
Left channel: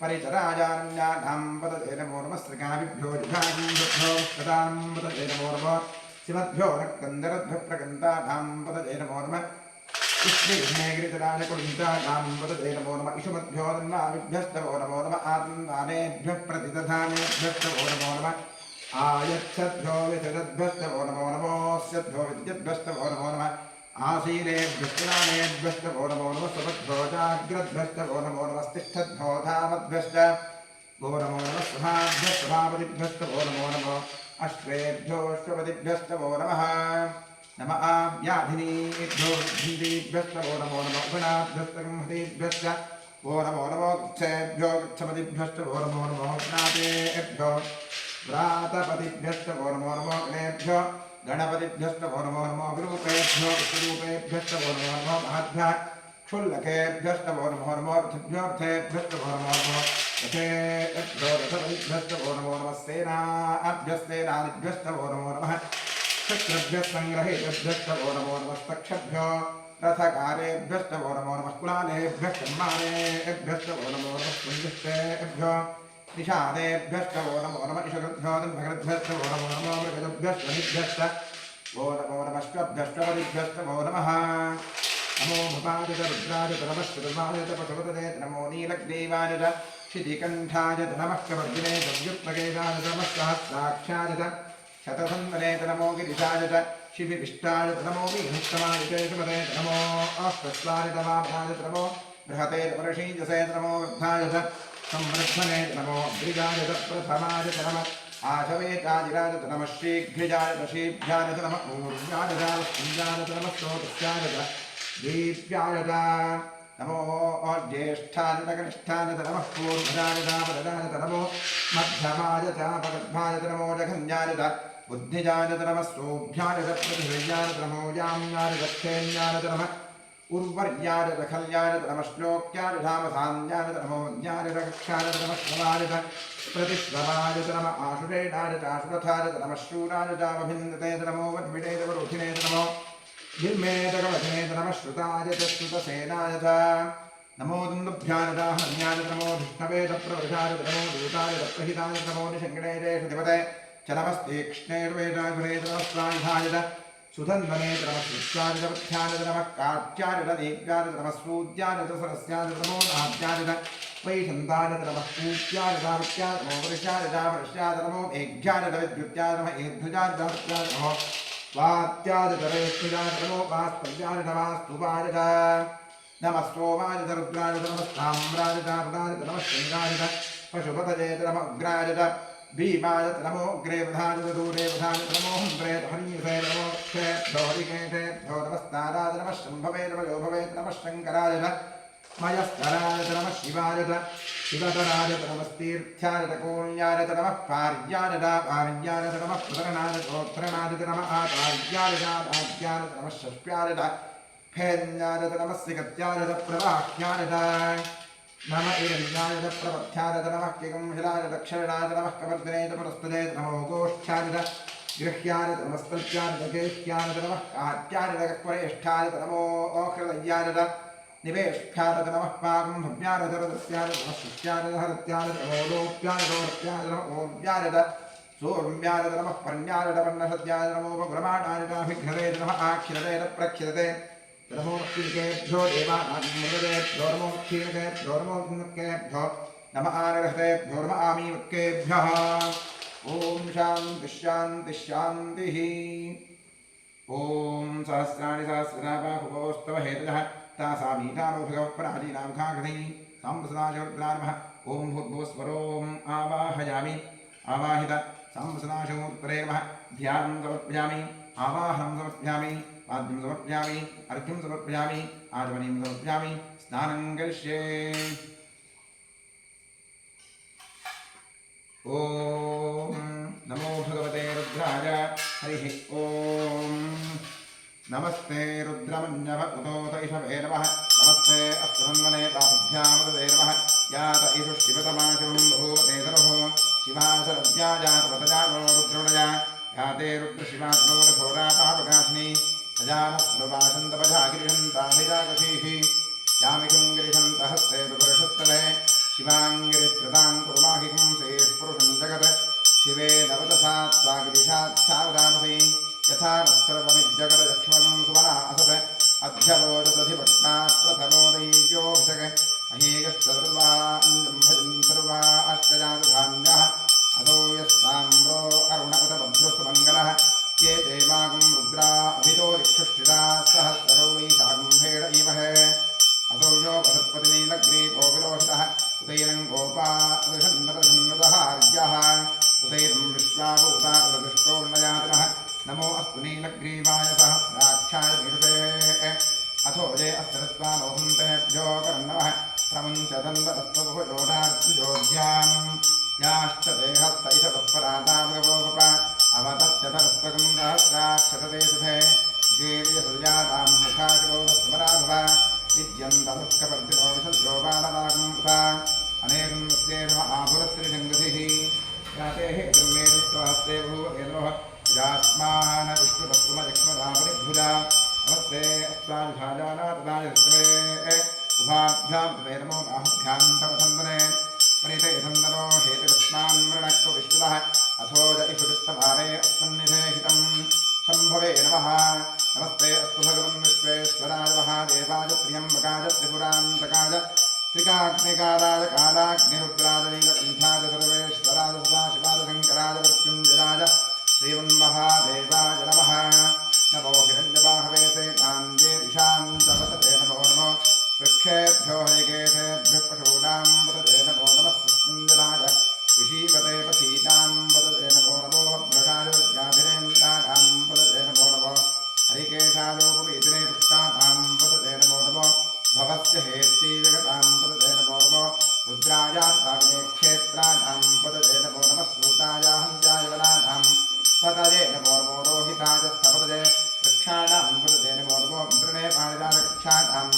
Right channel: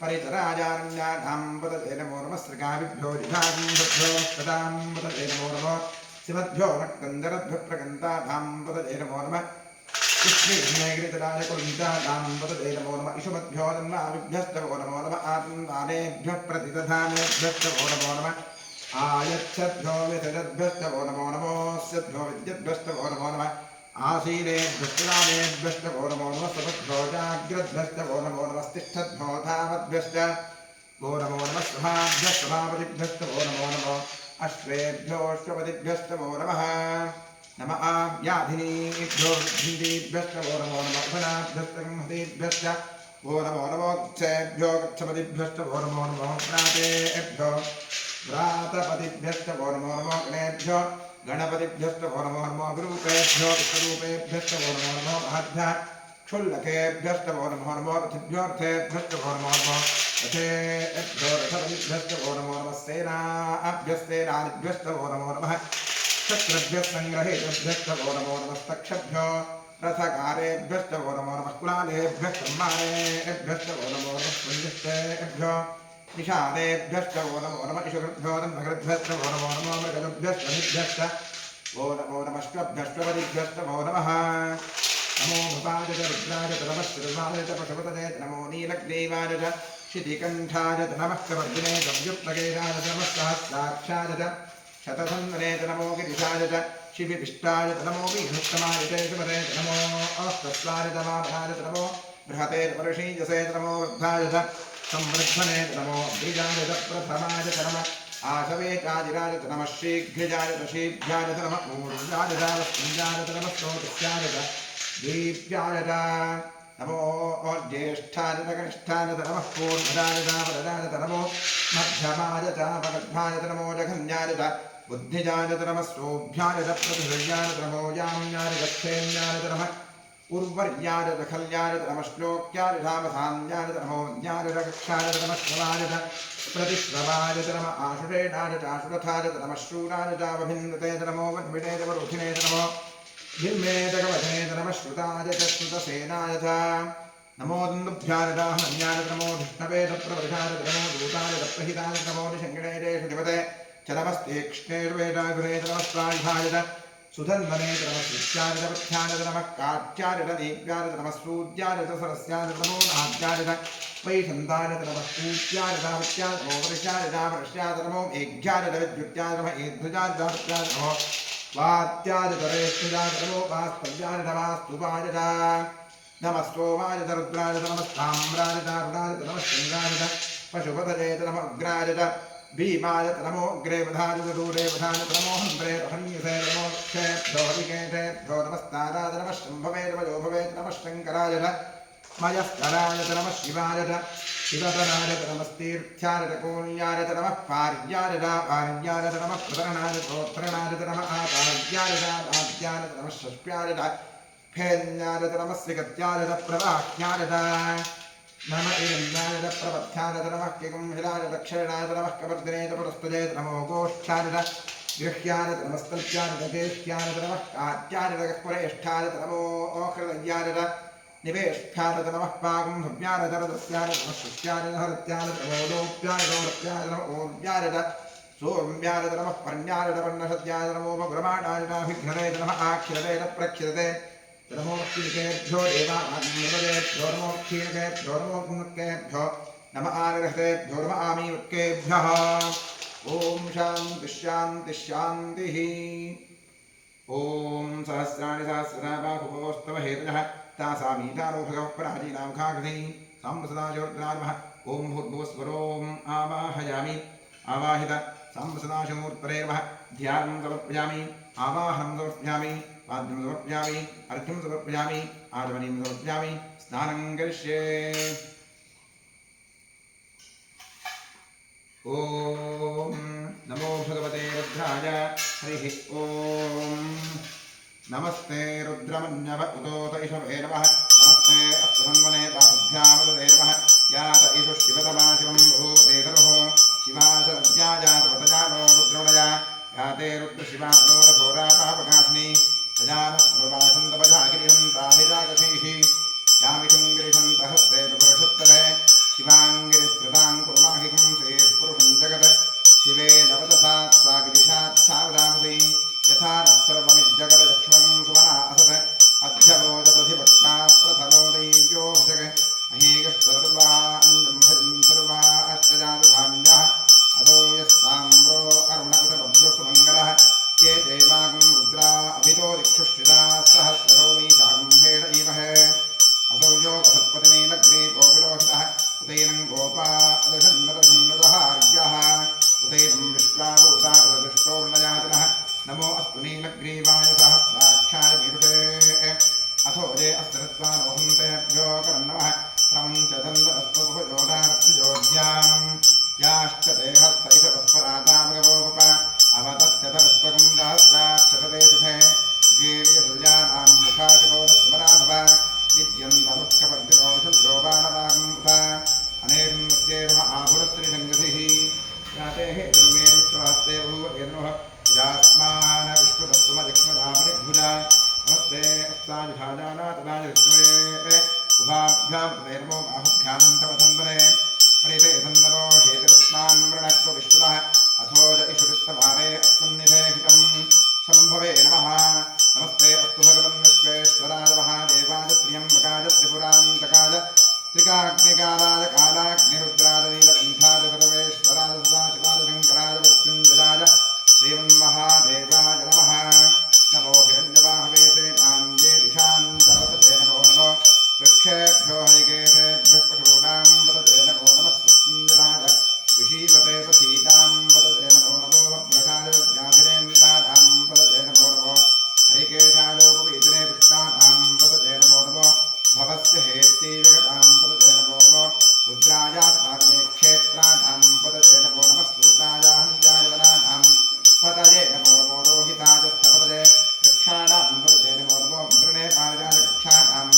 परितराजारण्यानां पतये नमो नमः स्त्रिकाभिभ्यो जिघाभ्यो स्फटां पतये नमो नमः सिमद्भ्यो नक्कन्दरद्भ्यः प्रकन्तानां पतये नमो नमः कृष्णेगिरितराय कुलिन्तानां पतये नमो नमः इषुमद्भ्यो तन्वाभिभ्यस्तवो नमो नमः आत्मानेभ्यः प्रतिदधानेभ्यस्तवो नमो नमः आयच्छद्भ्यो विसजद्भ्यस्तवो नमो नमो स्यद्भ्यो विद्युद्भ्यस्तवो नमो नमः आसीनेभ्यस्तरामेभ्यस्तवो नमो नमः सुभद्भ्यो जाग्रद्भ्यस्तवो नमो नमः तिष्ठद्भ्यो धावद्भ्यश्च वो नमो नमः स्वभाभ्यस्तभापतिभ्यस्तवो नमो नमः अश्वेभ्योऽश्वपतिभ्यस्तवो नमः नम आव्याधिनीभ्यो भिन्दीभ्यस्तवो नमो नमः उपनाभ्यस्तगंहतीभ्यश्च वो नमो नमो गच्छेभ्यो गच्छपतिभ्यस्तवो नमो नमः व्रातेभ्यो व्रातपतिभ्यस्तवो नमो नमो गणेभ्यो गणपतिभ्यस्तवो नमो नमः विरूपेभ्यो विश्वरूपेभ्यस्तवो नमो नमः महद्भ्यः क्षुल्लकेभ्यस्तवो नमो नमः रथेभ्योऽर्थेभ्यस्तवो नमो नमः रथेभ्यो रथपतिभ्यस्तवो नमो नमः सेनाभ्यस्तेनादिभ्यस्तवो नमो नमः शत्रभ्यस्सङ्ग्रहेभ्यस्तवो नमो नमस्तक्षभ्यो रथकारेभ्यस्तवो नमो नमः कुलालेभ्यस्तम्मानेभ्यस्तवो नमो नमः पुण्यस्तेभ्यो निषादेभ्यस्तवो नमो नमः इषुकृभ्यो तन्मकृद्भ्यस्तवो नमो नमो मृगजभ्यस्तनिभ्यस्त वो नमो नमश्वभ्यश्वपतिभ्यस्तवो नमः नमो भवाय च रुद्राय च नमः श्रुतवाय च पशुपतये च नमो नीलग्रीवाय च शितिकण्ठाय च नमः कवर्जिने च व्युत्पकेशाय च नमः सहस्राक्षाय च शतसन्वने च नमो गिरिशाय च शिविविष्टाय च नमो वीहस्तमाय च सुमते च नमो अस्तस्वाय च वामनाय च नमो बृहते च वर्षीजसे च नमो वृद्धाय च संवृद्धने च नमो अग्रिजाय च प्रथमाय च नमः आशवे चाजिराय च नमः शीघ्रजाय च शीभ्याय च नमः ऊर्जाय च वस्त्रिजाय च नमः स्रोतस्याय च दीप्याय च नमो ज्येष्ठाय च कनिष्ठाय च नमः पूर्वजाय च वरदाय च नमो मध्यमाय च अपगर्भाय च नमो जघन्याय च बुद्धिजाय च नमः सोऽभ्याय च प्रतिहृयाय च नमो याम्याय च क्षेम्याय च नमः उर्वर्यायत खल्यायत नमश्लोक्यायत धामसान्यायत नमोज्ञायत कक्षायत नमश्रवायत प्रतिश्रवायत नम आशुरेणायत आशुरथायत नमश्रूरायतावभिन्दतेत नमो वद्मिडेत वरुधिनेत नमो भिर्मेतकवचनेत नमश्रुतायत श्रुतसेनायत नमो दुन्दुभ्यायत हन्यायत नमो धिष्णवेत प्रवृषायत नमो दूतायत प्रहितायत नमो निषङ्गिणेतेषु धिपते च नमस्तीक्ष्णेर्वेदाधुरेत नमस्वायुधायत सुधन्वनेत नमस्कृत्यायत पथ्यायत नमः काट्यायत दीप्यायत नमस्सूद्यायत सरस्यायत नमो नाद्यायत वैशन्तायत नमः पूज्यायत विद्यायत नमो वर्ष्यायत वर्ष्यायत नमो मेघ्यायत विद्युत्यायत नमः एध्वजायत विद्यायत नमो वात्यायत रेष्ठुजायत नमो वास्तव्यायत वास्तुवायत नमः सोमायत रुद्रायत नमस्ताम्रायत अरुणायत नमः शृङ्गायत पशुपतयेत नमः उग्रायत भीमायत नमो अग्रेवधायत दूरेवधायत नमो हन्त्रेत हरियुषे नमो क्षेभ्यो हरिकेशेभ्यो नमस्ताराय नमः शम्भवे नमो भवेत् नमः शङ्करायत मयस्करायत नमः शिवायत शिवतरायत नमस्तीर्थ्यायत कोल्यायत नमः पार्यायत पार्यायत नमः प्रतरणायत प्रोत्तरणायत नमः आपार्यायत आद्यायत नमः षष्ट्यायत फेन्यायत नमः सिगत्यायत प्रवाह्यायत नम एन्यायत प्रपथ्यायत नमः किगंहिलायत दक्षिणायत नमः कवर्दिनेत पुरस्तुजेत नमो गोष्ठ्यायत गृह्यायत नमस्तल्प्यायत गेह्यायत नमः काट्यायत गह्वरेष्ठायत नमो ओहृदय्यायत निवेष्ठ्यायत नमः पागं भव्यायत रदस्यायत नमः शुष्यायत हरित्यायत नमो लोप्यायत ओरप्यायत नमः ओव्यायत सोम्यायत नमः पर्ण्यायत पर्णसद्यायत नमो भगुरमाणायत अभिघ्नतेत नमः आक्षिरतेत प्रक्षिरते नमो क्षीणकेभ्यो देवानाग्निर्वदेभ्यो नमो क्षीणकेभ्यो नमो गुणकेभ्यो नमः आनिर्हतेभ्यो नमः आमीवत्केभ्यः ॐ शान्तिः शान्तिः शान्तिः ॐ सहस्राणि सहस्रधा बाहुवोस्तव हेतजः तासामीतानो भगवः पराजीनां खाकृति साम्बसदाशोर्द्रानमः ॐ भूर्भुवस्वरोम् आवाहयामि आवाहित साम्बसदाशमूर्तरे नमः ध्यानं समर्पयामि आवाहनं समर्पयामि पाद्यं समर्पयामि अर्घ्यं समर्पयामि आचमनीं समर्पयामि स्नानं करिष्ये ॐ नमो भगवते रुद्राय हरिः ॐ नमस्ते रुद्रमन्यव उदोत इषवे नमः नमस्ते अस्तुरन्वने ताभ्यामुदते नमः यात इषु शिवतमाशिवं भूते तनुः शिवाशरद्या जातवतजानो रुद्रमणया याते रुद्रशिवातनोरघोरापापकाशिनी सजानस्वभाषन्तपजागिरिशन्ताभिजाकशीः यामिषुं गिरिशन्तहस्ते विपुरुषस्तवे शिवाङ्गिरित्रदां कुर्माहिकं श्रीस्पुरुषं जगत् शिवे नवदसात् सा गिरिशाच्छावदामसि यथा नः सर्वमिज्जगदयक्ष्मं सुमना असत् अध्यवोजदधिवक्ता प्रथमो दैव्योऽभिषक् अहेकश्चतुर्वाञ्जं भजन् सर्वा अष्टजातधान्यः अतो यस्ताम्रो अरुण उत बभ्रुसुमङ्गलः ये देवागं रुद्रा अभितो दिक्षुष्टिता सहस्रो वैशाखं भेड इमहे असौ यो वसत्पतिनीलग्रीपो विलोहितः उदैनं गोपा दशन्नदहार्यः उदैनं विश्वाभूता दृष्टोर्णयातिनः नमो अस्तु नीलग्रीवाय सहस्राख्याय मीरुषे अथो ये अस्तरत्वानोहन्तेभ्यो करन्नवः प्रमुञ्चदन्दरस्त्वभुजोदार्त्युजोज्यां याश्च ते हस्त इषवःपरातामगवोपप अवतत्यथरस्त्वगं सहस्राक्षरते सुधे शीर्यसुर्यानां मुखाशगोरस्वराभव विद्यन्तमुत्कपर्दिनो विशल्यो बाणवागम् उत अनेशन्वस्येर्म आभुरस्त्रिशङ्गतिः याते हेतुर्मे दुष्टहस्ते भूवकेतनोः विरास्मान विश्वतत्त्वमजक्ष्मधापरिभुजा नमस्ते अस्ताजुषाजानातदाजष्टमे उभाभ्यां कृते नमो बाहुभ्यां तव धन्दने प्रणीते धन्दनो हेतिरस्मान् मृणक्त्व विश्वतः अथो ज इषुरिस्तभारे अस्मन्निधेहितं शम्भवे नमः नमस्ते अस्तु भगवन् विश्वेश्वराय महादेवाय त्र्यम्बकाय त्रिपुरान्तकाय त्रिकाग्निकालाय कालाग्निरुद्राय नीलकण्ठाय सर्वेश्वराय सदाशिवाय शङ्कराय मृत्युञ्जयाय श्रीमन्महादेवाय नमः नमो हिरण्यबाहवे सेनान्ये दिशां च वदते नमो नमो वृक्षेभ्यो हरिकेशेभ्यः पशूनां वदते नमो नमः सत्युञ्जनाय ऋषीपते पथीतां वदते नमो नमो भद्रकाय व्याधिरेन्द्राणां वदते नमो नमो हरिकेशालोपवीतिने पुष्टानां वदते नमो नमो भवस्य हेत्ति जगतां वदते नमो नमो रुद्रायात्ताविने क्षेत्राणां वदते नमो नमः सूतायाहञ्जाय वनानां पतये नमो नमो रोहिताय स्थपतये वृक्षाणां वदते नमो नमो मृणे पारिजातकक्षाणां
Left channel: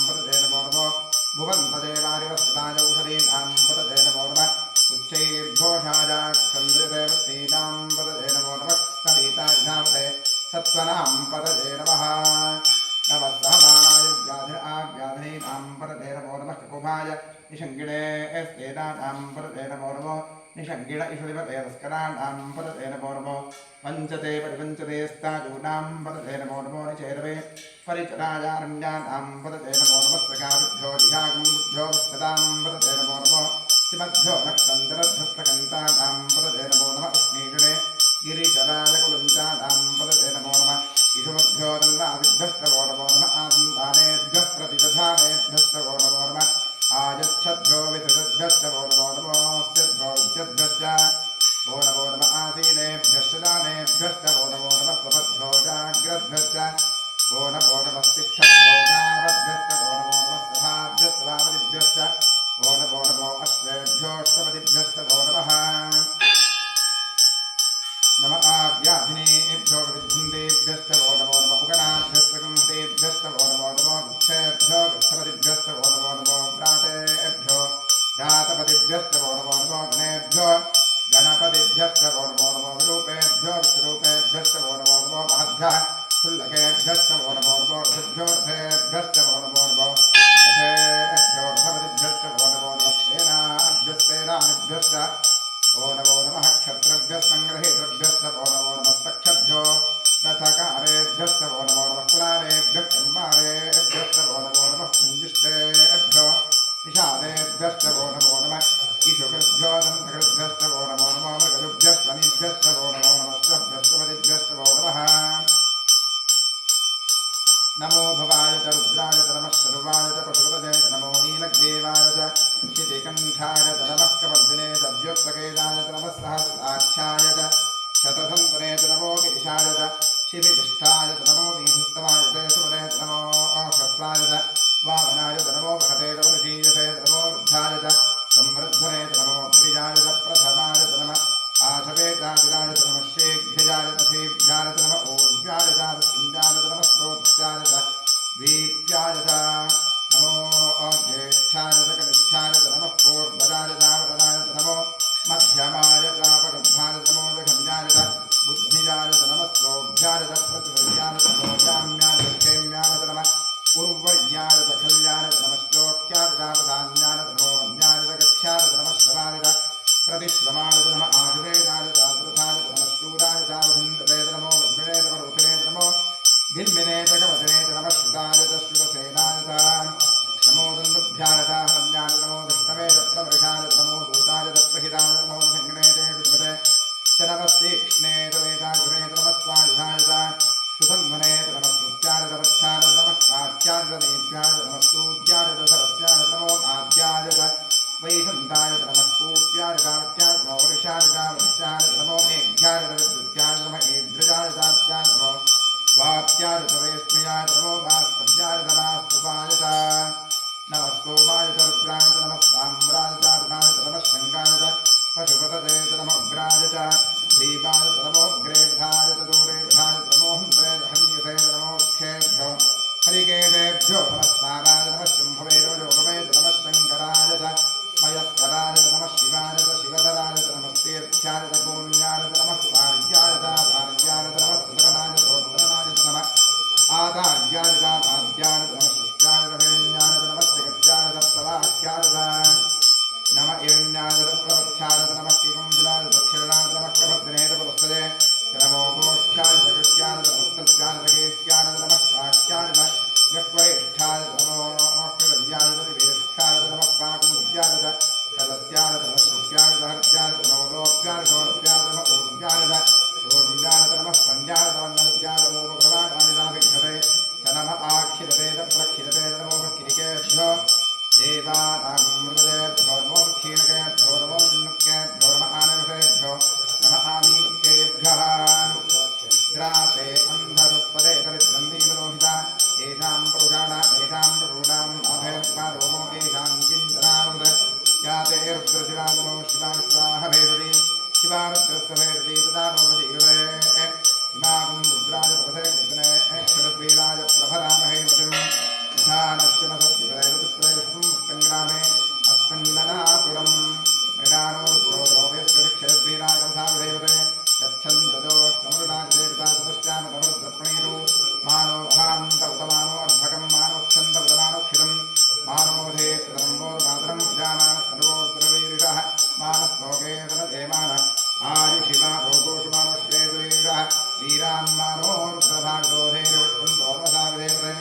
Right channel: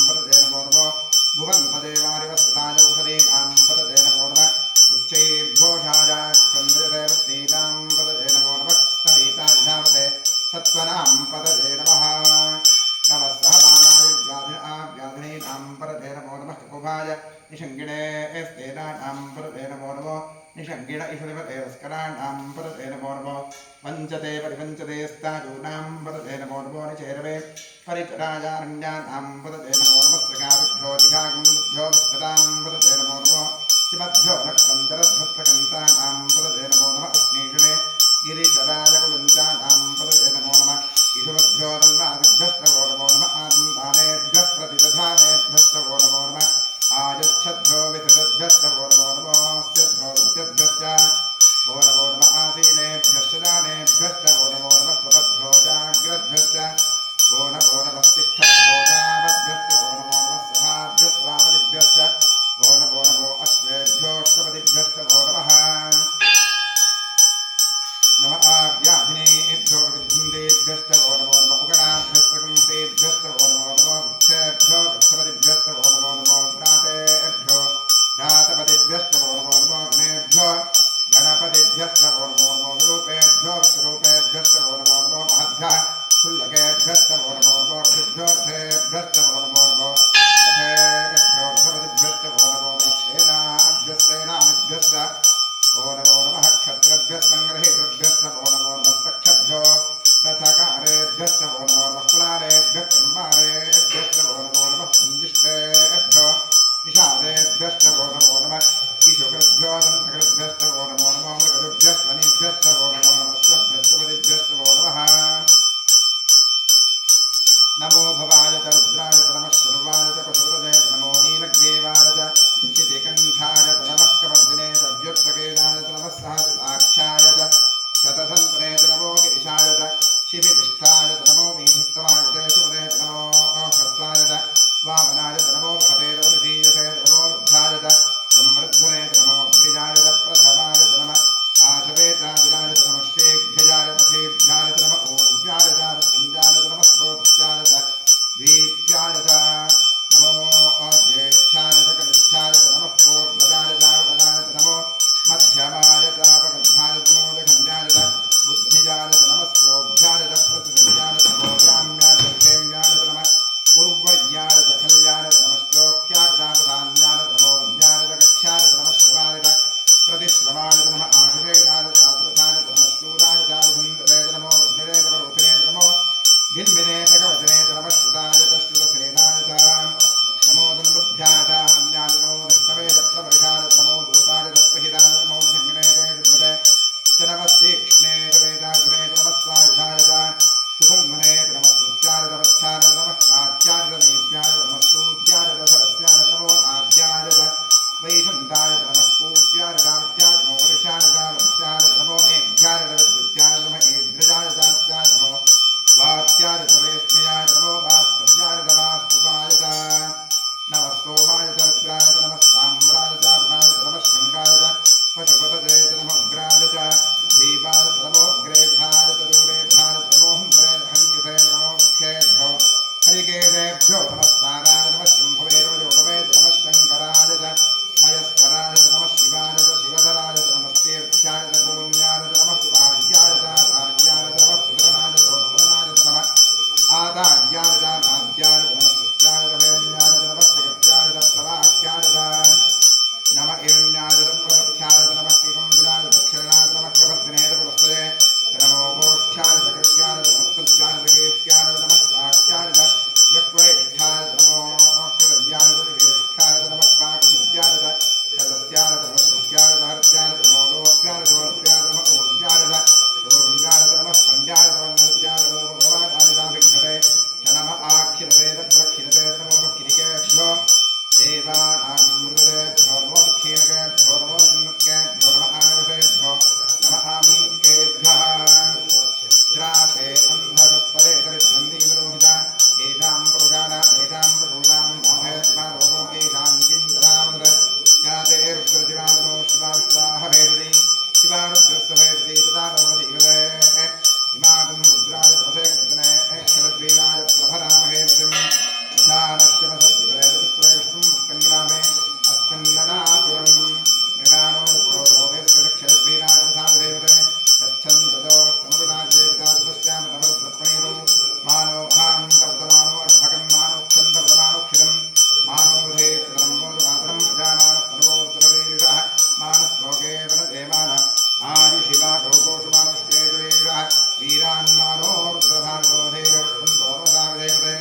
सत्त्वनां पतये नमः नमः सहमानाय व्याधिनीनां पतये नमो नमः ककुभाय निषङ्गिणे स्तेनानां पतये नमो नमो निषङ्गिण इषुधिपते तस्कराणां पतये नमो नमो पञ्चते परिपञ्चते स्ताजूनां पतये नमो नमो निचेरवे परिचराजारण्यानां पतये नमो नमः सकाभ्यो जिहागुभ्यो दुष्टतां पतये नमो नमो शिवभ्यो नक्तन्तरध्वप्रकन्तानां पतये नमो नमः उष्णीषणे गिरिचराजकुलञ्चानां पतये नमो नमः इषुमभ्यो तन्वादिभ्यस्तवो नमो नमः आदन्तानेभ्यः प्रतिदधानेभ्यस्तवो नमो नमः आयच्छद्भ्यो विसृजद्भ्यस्तवो नमो नमोऽस्यद्भ्यो विद्यद्भ्यश्च वो नमो नमः आसीनेभ्यश्च दानेभ्यस्तवो नमो नमः स्वपद्भ्यो जाग्रद्भ्यश्च वो नमो नमः तिष्ठद्भ्यो जावद्भ्यस्तवो नमो नमः सभाभ्यस्वावदिभ्यश्च वो नमो अश्वेभ्योऽष्टपदिभ्यस्तवो नमः नम आव्याधिनेभ्यो विद्युन्देभ्यस्तवो नमो नमः उगणाभ्यस्तगुंसेभ्यस्तवो नमो नमः गच्छेभ्यो गच्छपतिभ्यस्तवो नमो नमः व्रातेभ्यो व्रातपतिभ्यस्तवो नमो नमः गणेभ्यो गणपतिभ्यस्तवो नमो नमः विरूपेभ्यो विश्वरूपेभ्यस्तवो नमो नमः महद्भ्यः क्षुल्लकेभ्यस्तवो नमो नमः ऋषिभ्यो रथेभ्यस्तवो नमो नमः रथेभ्यो रथपतिभ्यस्तवो नमो नमः सेनाभ्यस्तेनानिभ्यश्च ओ नमो नमः क्षत्रभ्यस्सङ्ग्रहेतृभ्यस्तवो नमो नमः सक्षभ्यो रथकारेभ्यस्तवो नमो नमः कुलारेभ्यः कुम्भारेभ्यस्तवो नमो नमः कुञ्जिष्टेभ्यो निषादेभ्यस्तवो नमो नमः ईशुकृभ्यो दन्तकृभ्यस्तवो नमो नमः मृगजुभ्यस्वनिभ्यस्तवो नमो नमः श्वभ्यस्तपतिभ्यस्तवो नमः नमो भवाय च रुद्राय च नमः शर्वाय च पशुपतये च नमो नीलग्रीवाय च क्षितिकण्ठाय च नमः कपर्दिने च व्युत्सकेशाय च नमः सहस्राख्याय च शतसन्त्वने च नमो गिरिशाय च शिबितिष्ठाय च नमो मीधुत्तमाय च सुपदे च नमो ह्रस्वाय च वामनाय च नमो बृहते च ऋषीयसे च नमो वृद्धाय च संवृद्धने च नमो अग्रिजाय च प्रथमाय च नमः आशवेचादिराय च नमः शीघ्रजाय च धीभ्याय च नमः ऊर्व्याय च वृष्टिञ्जाय च नमः स्रोतस्याय च द्वीप्याय च नमो ज्येष्ठाय च कनिष्ठाय च नमः पूर्वजाय च वरदाय च नमो मध्यमाय च अपगर्भाय च नमो जघन्याय च बुद्धिजाय च नमः स्वोभ्याय च प्रतिसर्याय च नमो जाम्याय च क्षेम्याय च नमः उर्वर्याय च खल्याय च नमः श्लोक्याय च वधान्याय च नमो वन्याय च गच्छाय च नमः श्रवाय च प्रतिश्रमाय च नमः आशुषेणाय च आश्रथाय च नमः शूराय च वृन्दते च नमो वज्रे च वरोधिने च नमो भिन्विने च कवचने च नमः श्रुताय च श्रुतसेनाय च नमो दन्दुभ्याय च हरण्याय च नमो दृष्टवे च प्रवर्षाय च नमो दूताय च प्रहिताय च नमो शङ्कणे च शुद्धते च नमः तीक्ष्णे च वेदाग्रे च नमः स्वायुधाय च सुसन्मने च नमः स्तुत्याय च वत्स्याय च नमः कात्याय च नेभ्याय च नमः स्तूत्याय च सरस्याय च नमो नाद्याय च वैशन्ताय च नमः पूप्याय च दावट्याय च नमो वर्षाय च वर्षाय च नमो मेघ्याय च विद्युत्याय च नमः ईद्रजाय च दात्याय च नमो वात्याय च वेश्मयाय च नमो वास्तव्याय च वास्तुपाय च नमः सोमाय च रुद्राय च नमः साम्राय च अरुणाय च नमः शङ्गाय च पशुपतये च नमः उग्राय च भीमाय च नमो अग्रेवधाय च दूरेवधाय च नमो हन्तरे च हन्यसे च नमो वृक्षेभ्यो हरिकेशेभ्यो नमः साराय च नमः शम्भवे च योगवे च नमः शङ्कराय च मयस्कराय च नमः शिवाय च शिवधराय च नमः तीर्थ्याय च पूर्ण्याय च नमः पार्याय च भार्याय च नमः सुतरणाय च सोत्रणाय च नमः आदार्याय च आद्याय च नमः सृष्ट्याय च वेण्याय च नमः जगत्याय च प्रवाख्याय च नमः इरण्याय च प्रवख्याय च नमः किकुम्भिलाय च दक्षिणाय च नमः कवर्दिने च पुरस्तये च नमो गोष्ठ्याय च कृत्याय च नमस्तल्प्याय च केष्ट्याय च नमः साक्ष्याय च यक्वरेष्ठाय च नमो कृदव्याय च निवेष्ठाय च नमः पाकुन्द्याय च सदस्याय च नमः सृष्ट्याय च हर्त्याय च नमो लोप्याय च सोर्प्याय च नमः ऊर्व्याय च सोर्व्याय च नमः स्पन्द्याय च वन्नहत्याय च नमो भगवानानि नाभिघ्नते च नमः आखिलते च प्रखिलते च नमो किरिकेभ्यो देवानागमृतदेभ्यो नमो क्षीणकेभ्यो नमो चिन्नुकेभ्यो नमः आनगसेभ्यो नमः आमीनुकेभ्यः द्रापे अन्धसत्पदे दरिद्रन्दीनरोहिता येषां पशूनाम् अभयत्मारोगो येषां किञ्चनामृत याते रुद्रशिवानो शिवाविश्वाह भेदति शिवारुद्रस्य भेदति तदा नो प्रतीकृते इमागुं रुद्राय तपसे कृतने क्षरद्वीराय प्रभरामहे मतिम् यथा नश्यमसद्विपरे ऋतुस्त्रे विष्णुं मुष्टङ्ग्रामे अस्मिन्ननातुरम् मृडानो रुद्रो द्रौवेश्वरक्षयद्वीराय तपसा विधेवते यच्छन्तजोष्टमरुणाय देवता तपश्चामतमरुद्र वीरान्मानो रुद्रभागोधेरवत्तन्तोरसाविदेवते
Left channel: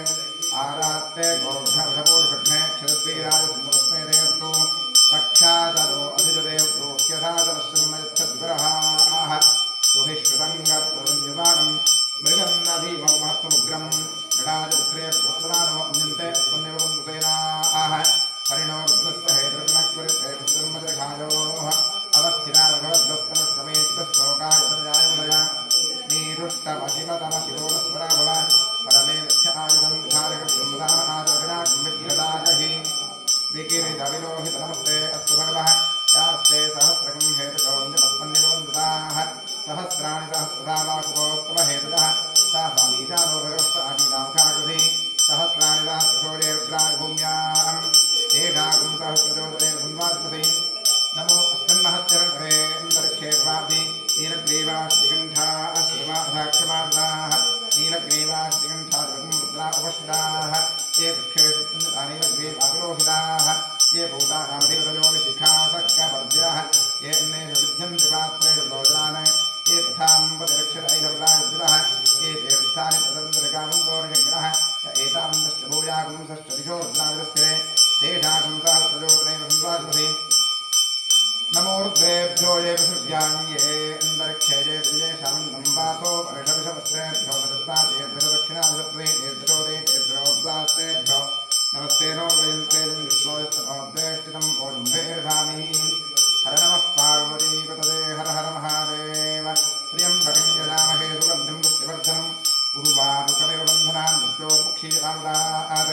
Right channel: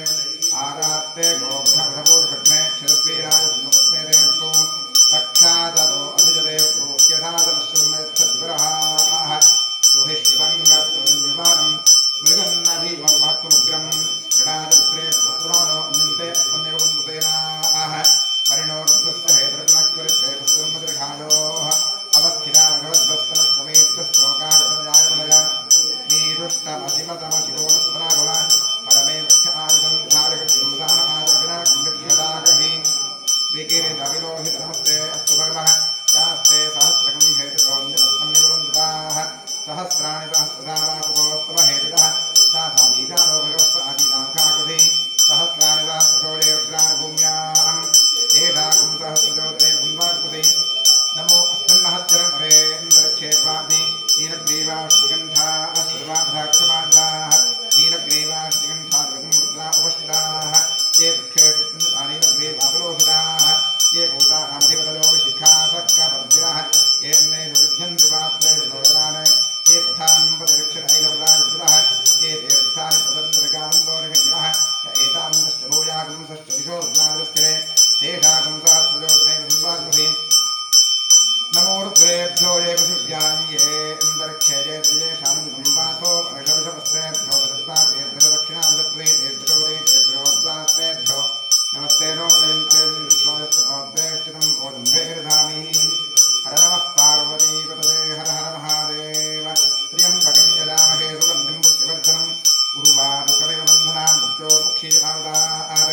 आरात्ते गोघ्नवधपूर्षघ्ने क्षरद्वीराय सुन्दरस्मे देवस्तु रक्षाचरो अधिजदेवप्रोह्यधाचनश्रमयच्छद्विरः सुहिष्कृतङ्गत्वनिर्माणं मृगन्नभीमहत्वमुग्रं नडाजपुत्रे प्रस्तमानो अन्यन्ते त्वन्निवबन्धुसेनाः परिणो रुद्रस्य हेतृकनक्वरित्रेषधर्मजघायोः अवस्थिता भगवद्भस्तनश्रमेत्तश्लोकाय तनयाय मनया नीरुष्टमशिवतमशिवोनस्मरा भव परमे वक्षायुधं धारकर्षुमदान आदर्विनाकं विद्यदागहि विकिरितविलोहित नमस्ते अस्तु भगवः यास्ते सहस्रकं हेतुकौन्यपस्मन्निवन्दताः सहस्राणि सहस्रदा वाकुपोत्तम हेतुजः सा सामीशानो भगवः आदिनांकाकृति सहस्राणि सहस्रशोजे रुद्राणि भूम्यां तेषाकुं सहस्रजोतरेण सुन्वात्मसि नमो अस्मिन्महच्चरणेन्दरक्षे भवाति नीलग्रीवाश्रिकण्ठाः श्रवाधाक्षमाद्राः नीलग्रीवाश्रिकण्ठाद्रगं रुद्रा उपस्थिताः ये वृक्षेषु नीलग्रीवाविलोहिताः ये भूतानामधिपतयो विशिखासक्कपर्द्याः ये अन्येषु विद्यन्ति पात्रेषु लोचनान् ये पथाम्पतिरक्षदैलवरायुक्तः ये तीर्थानि प्रतन्तरकामन्तोरिषङ्गिणः य एतावन्तश्च भूयागुंसश्च दिशो रुद्राविरस्थिरे तेषागुं सहस्रजोतरेण संवाग्मसि नमो रुद्रेभ्यो ये पशुभ्यान्ये अन्तरिक्षे ये द्विजेषामन्तं वातो वर्षविषवस्त्रेभ्यो दत्तातेभ्यो दक्षिणाविषत्वेभ्यो तेभ्योद्वास्तेभ्यो नमस्ते नो वयन्ते विष्णोयस्तनोद्वेष्टितं ओजम्भेर्धामि हर नमः पार्वतीपतये हर हर महादेव त्र्यम्बकं यजामहे सुगन्धिं पुष्टिवर्धनम् उर्वारुकमिव बन्धनान् मृत्योर्मुक्षीयतामुदात्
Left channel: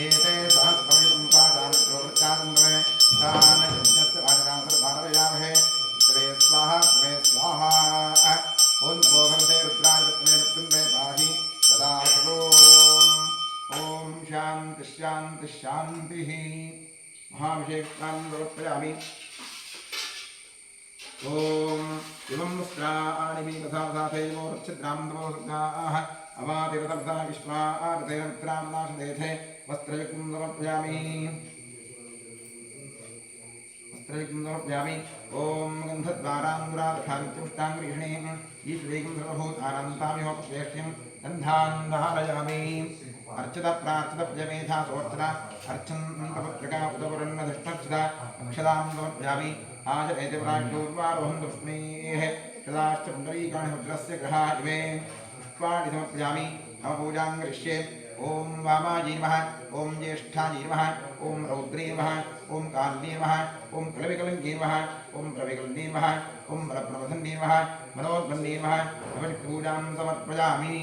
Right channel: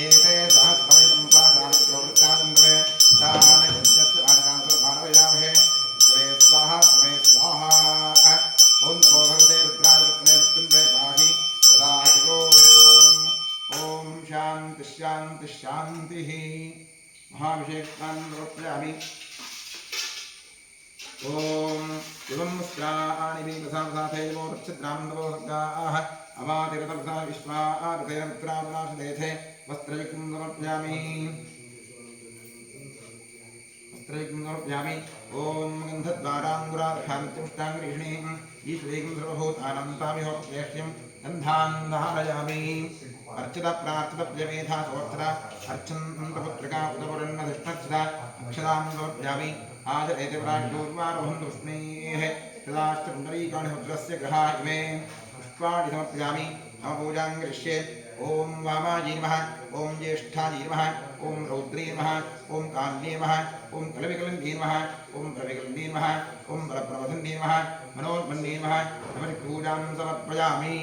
एते सहस्रवयतं पादामृत्योर्वृत्तादन्दवे तान् यज्ञस्य वाजनान् सर्वानवयामहे त्वे स्वाहा त्वे स्वाहा ॐ नमो भगवते रुद्राय विद्महे मृत्युञ्जये पाहि सदा ॐ शान्ति शान्ति शान्तिः महाभिषेकान् समर्पयामि ॐ इमं वस्त्राणि भीमसामसाथैवो रक्षद्रामन्दवोसर्गाः अवातिरतमसा विश्वातेन मित्रामनाशदेथे वस्त्रयुक्तं समर्पयामि ॐ गन्धद्वाराङ्गुरादशामित्युष्टाङ्गरीषणीं ईश्वरीं सर्वभूतानन्तामिहोपवेक्ष्यं गन्धान् धारयामि अर्चितप्रार्चितप्यमेधा सोऽर्चिता अर्चन्तपुत्रिका उदपुरन्नधिष्ठर्चिता अक्षतां समर्पयामि आचरेति प्राग्दूर्वारोहन्तुष्मेः सदाश्च पुण्डरीकाणि रुद्रस्य ग्रहा इमे पुष्पाणि समर्पयामि मम पूजां करिष्ये ॐ वामाजी नमः ॐ ज्येष्ठाजी नमः ॐ रौद्री नमः ॐ कान्ये नमः ॐ कलविकलन्ये नमः ॐ प्रविकलन्ये नमः ॐ बलप्रवधन्ये नमः मनोन्मन्ये नमः नमः पूजां समर्पयामि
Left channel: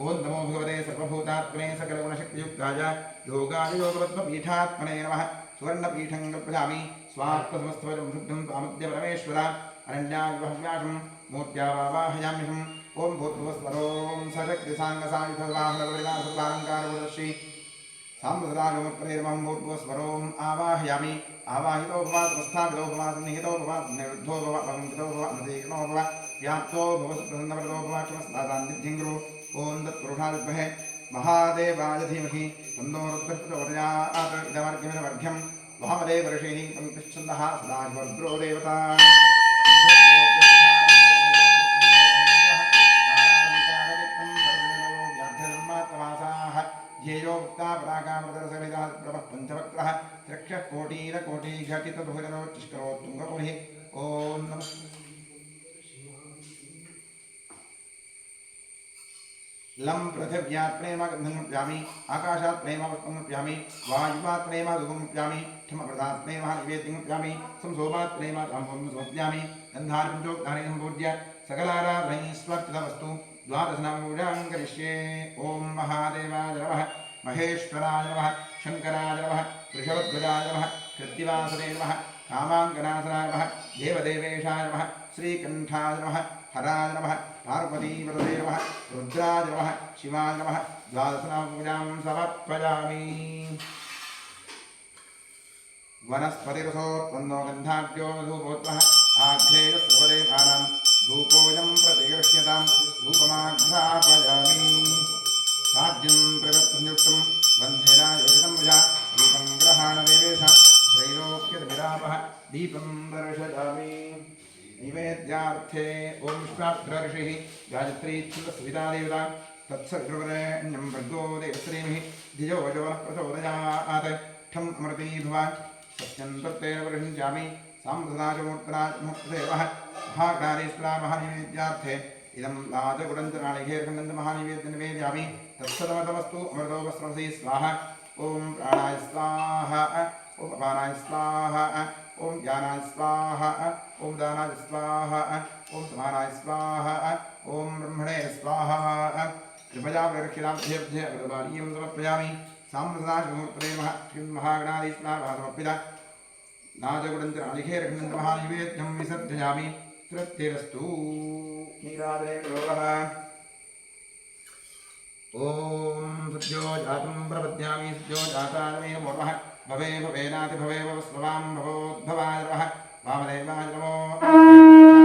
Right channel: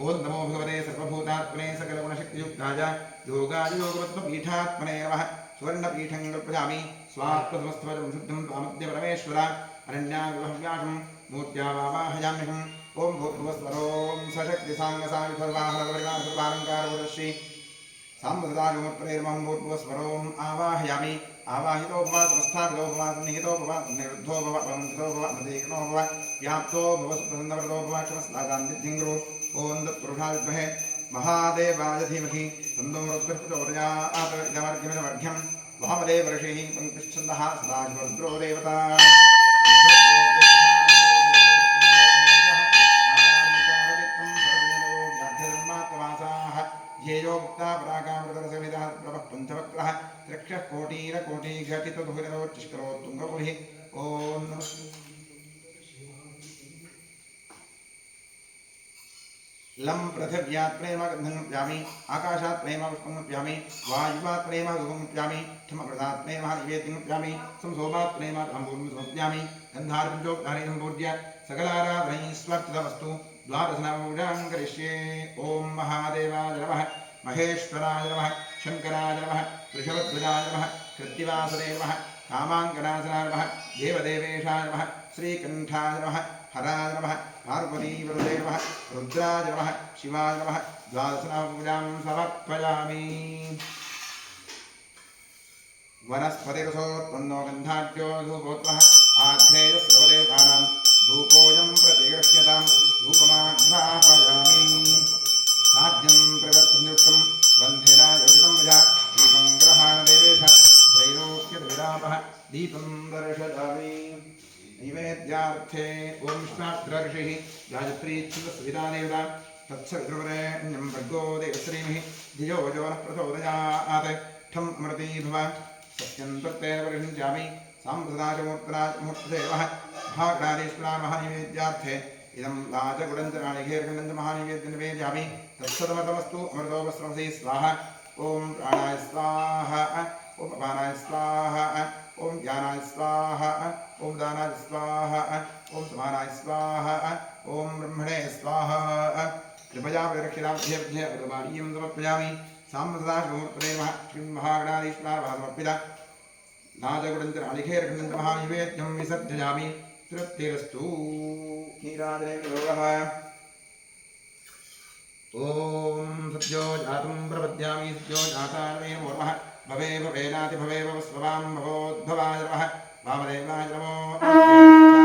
ॐ नमो भगवते सर्वभूतात्मने सकलगुणशक्तियुक्ताय योगाय योगपद्मपीठात्मने नमः सुवर्णपीठं कल्पयामि स्वात्मसमस्तवजं शुद्धं त्वामद्य परमेश्वर अरण्याविवहव्यासं मूर्त्या वावाहयाम्यहम् ॐ भूर्भुवस्वरों सशक्तिसाङ्गसायुधवाहनपरिवारसर्वालङ्कारवदर्शी साम्बसदागमप्रैर्मं भूर्भुवस्वरों आवाहयामि आवाहितो भव समस्थापितो भव सन्निहितो भव निरुद्धो भव वन्दितो भव प्रतीक्नो भव व्याप्तो भव सुप्रसन्नवरदो भव क्षमस्तादान्निध्यं गुरु ॐ तत्पुरुषाय विद्महे महादेवाय धीमहि तन्नो रुद्रः प्रचोदयात् इदमर्घ्यमिदमर्घ्यं वामदेव ऋषिः पङ्क्तिश्छन्दः सदाशिवरुद्रो देवता ध्येयोक्ता परागामृतरसविदा प्रभः पञ्चवक्रः त्र्यक्षः कोटीरकोटिघटितदुहितरोच्चिष्करोत्तुङ्गपुरिः ॐ नमः लं पृथिव्यात् प्रेम गन्धं प्यामि आकाशात् प्रेम पुष्पं प्यामि वायुवात् प्रेम धूपं प्यामि क्षमप्रदात् प्रेम निवेद्यं प्यामि संसोमात् प्रेम ताम्बूलं समर्पयामि गन्धार्पञ्चोक्तानि सम्पूज्य सकलाराधनैः स्वर्चितमस्तु द्वादशनामपूजां करिष्ये ॐ महादेवाय नमः महेश्वराय नमः शङ्कराय नमः वृषभध्वजाय नमः कृत्तिवासने नमः कामाङ्गनासनाय नमः देवदेवेशाय नमः श्रीकण्ठाय नमः हराय नमः पार्वतीपतये नमः रुद्राय नमः शिवाय नमः द्वादशनामपूजां समर्पयामि वनस्पतिरसोत्पन्नो गन्धाढ्यो धूपोत्तमः आघ्रेय सर्वदेवानां धूपोऽयं प्रतिगृह्यतां धूपमाघ्रापयामि साध्यं प्रवर्तनयुक्तं बन्धेना योजितं मया दीपं ग्रहाण देवेश त्रैलोक्यविरापः दीपं दर्शयामि नैवेद्यार्थे ॐ विश्वामित्र ऋषिः गायत्री छन्दस्विता देवता तत्सवितुर्वरेण्यं भर्गो देवश्रीमिः धियो यो नः प्रचोदयात् ठम् अमृती भव सत्यं तत्तेन परिषिञ्चामि साम्प्रदायमूर्तराजमूर्तदेवः महागणाधीश्वरा महानिवेद्यार्थे इदं राजगुडञ्चनालिघेर्खण्डञ्च महानिवेद्यनिवेद्यामि तत्सदमतमस्तु अमृतोपस्रवसी स्वाहा ॐ प्राणाय स्वाहा ॐ अपानाय स्वाहा ॐ ज्ञानाय स्वाहा ॐ दानाय स्वाहा ॐ समानाय स्वाहा ॐ ब्रह्मणे स्वाहा कृपया प्रदक्षिणाभ्यर्भ्यबालीयं समर्पयामि साम्प्रदायमूर्तये नमः श्रीं महागणाधीश्वराः समर्पिता नाजगुडञ्चनालिघेर्खण्डञ्च महानिवेद्यं विसर्जयामि तृप्तिरस्तु नीराजने गौरवः ॐ सद्यो जातं प्रपद्यामि सद्यो जाताय मे नमो नमः भवे भवेनाति भवे भवस्ववां भवोद्भवाय नमः वामदेवाय नमो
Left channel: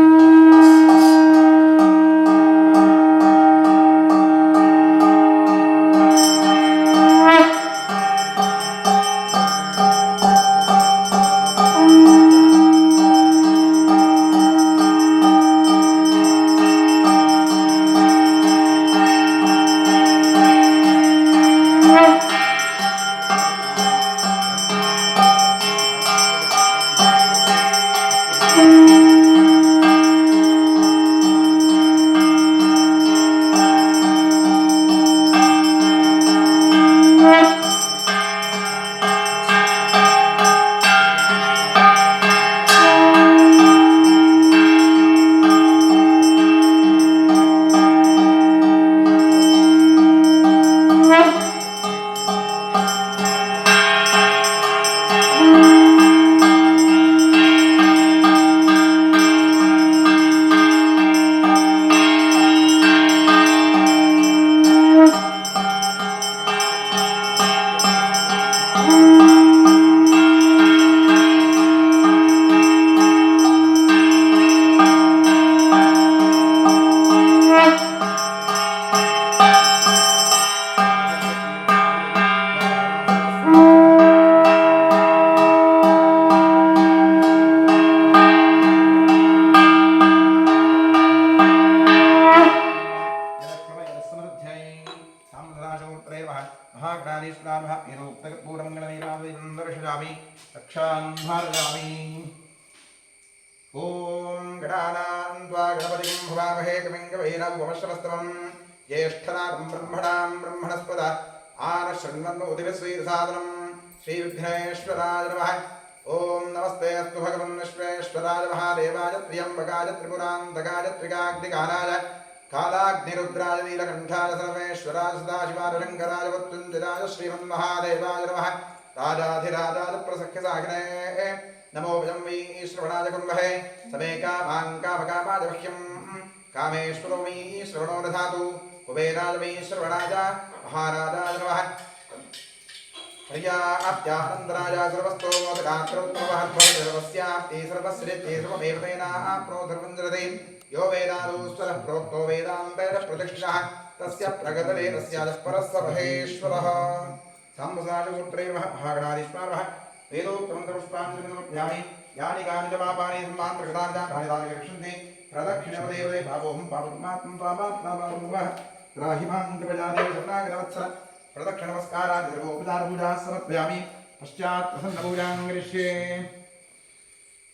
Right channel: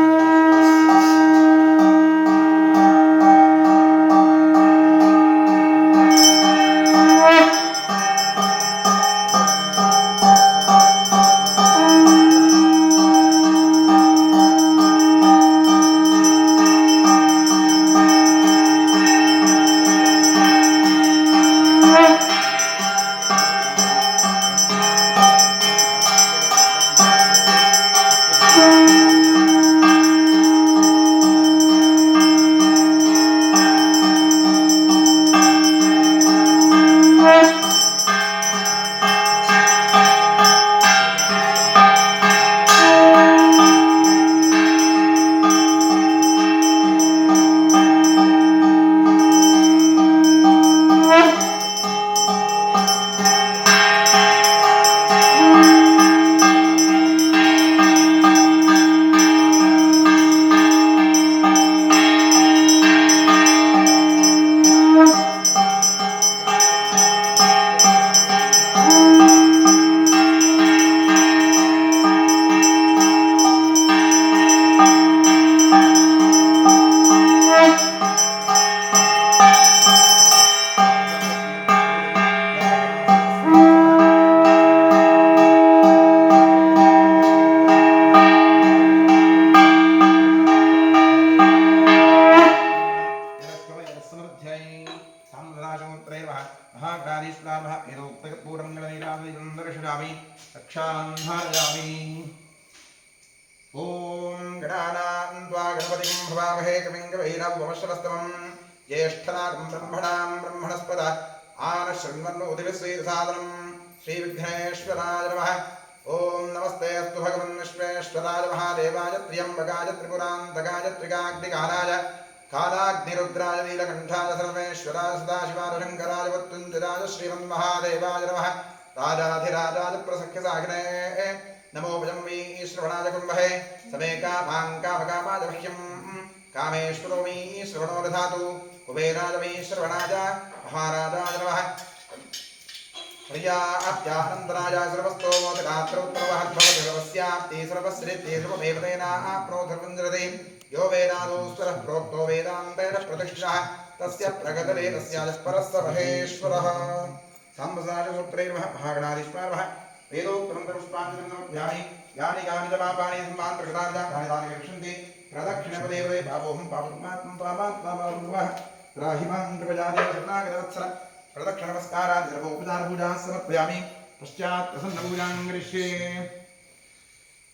ॐ गणानां त्वा गणपतिं भवामहे कविं कवीनामुपमश्रवस्तमं ज्येष्ठनागं ब्रह्मणां ब्रह्मणस्पद आनशृण्वन्नोतिविश्वेदसादनं श्रीविघ्नेश्वराय नमः ॐ नमस्ते अस्तु भगवन् विश्वेश्वराय महादेवाय त्र्यम्बकाय त्रिपुरान्तकाय त्रिकाग्निकालाय कालाग्निरुद्राय नीलकण्ठाय सर्वेश्वराय सदाशिवाय शङ्कराय मृत्युञ्जयाय श्रीमन्महादेवाय नमः राजाधिराजाय प्रसख्यसागिने नमो वयं वै श्रवणाय कुर्महे समे कामाङ्कामकामाय मह्यं कामेश्वरो वै श्रवणो दधातु कुबेराय वै श्रवणाय महाराजाय नमः प्रियाप्त्यानन्दराय सर्वस्तोमोदगात्रोत्तमवहद्भवति सर्वस्याप्ति सर्वस्येति सर्वमेव तेनाप्नोधर्वञ्जरते यो वेदादोस्वरः प्रोक्तो वेदान्तेन प्रतिष्ठितः तस्य प्रगतले तस्याजः परः महेश्वरः साम्बसाजमूर्तये नमः महागणाधीश्वरः वेदोक्तमन्त्रपुष्पाञ्जलिं समर्पयामि यानि कानि च पापानि सम्मान् प्रकृतानि तानि रक्षन्ति प्रदक्षिणपदेवते भावोऽहं पापकर्मात्मं पापात्मा पापमुवः त्राहि मां कृपया देव शरणागतवत्सल प्रदक्षिणनमस्कारान् सर्वोपचारपूजाः समर्पयामि पश्चात् प्रसन्नपूजां करिष्ये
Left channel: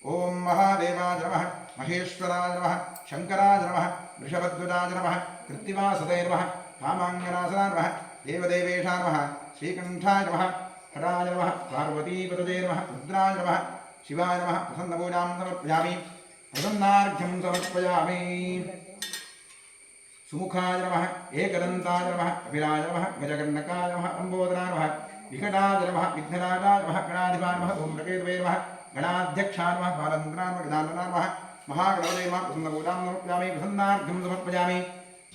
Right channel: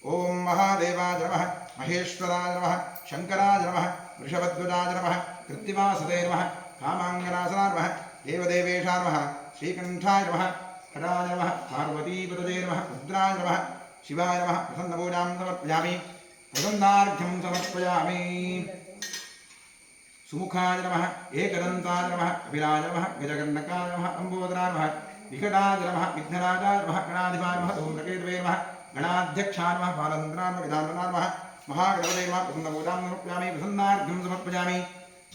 ॐ महादेवाय नमः महेश्वराय नमः शङ्कराय नमः वृषभध्वजाय नमः कृत्तिवासते नमः कामाङ्गनासनाय नमः देवदेवेशाय नमः श्रीकण्ठाय नमः हराय नमः पार्वतीपतये नमः रुद्राय नमः शिवाय नमः प्रसन्नपूजां समर्पयामि प्रसन्नार्घ्यं समर्पयामि सुमुखाय नमः एकदन्ताय नमः कपिलाय नमः गजकर्णकाय नमः लम्बोदराय नमः विकटाय नमः विघ्नराजाय नमः गणाधिपाय नमः धूम्रकेतवे नमः गणाध्यक्षाय नमः बालचन्द्राय नमः गजाननाय नमः महागणपतये नमः प्रसन्नपूजां समर्पयामि प्रसन्नार्घ्यं समर्पयामि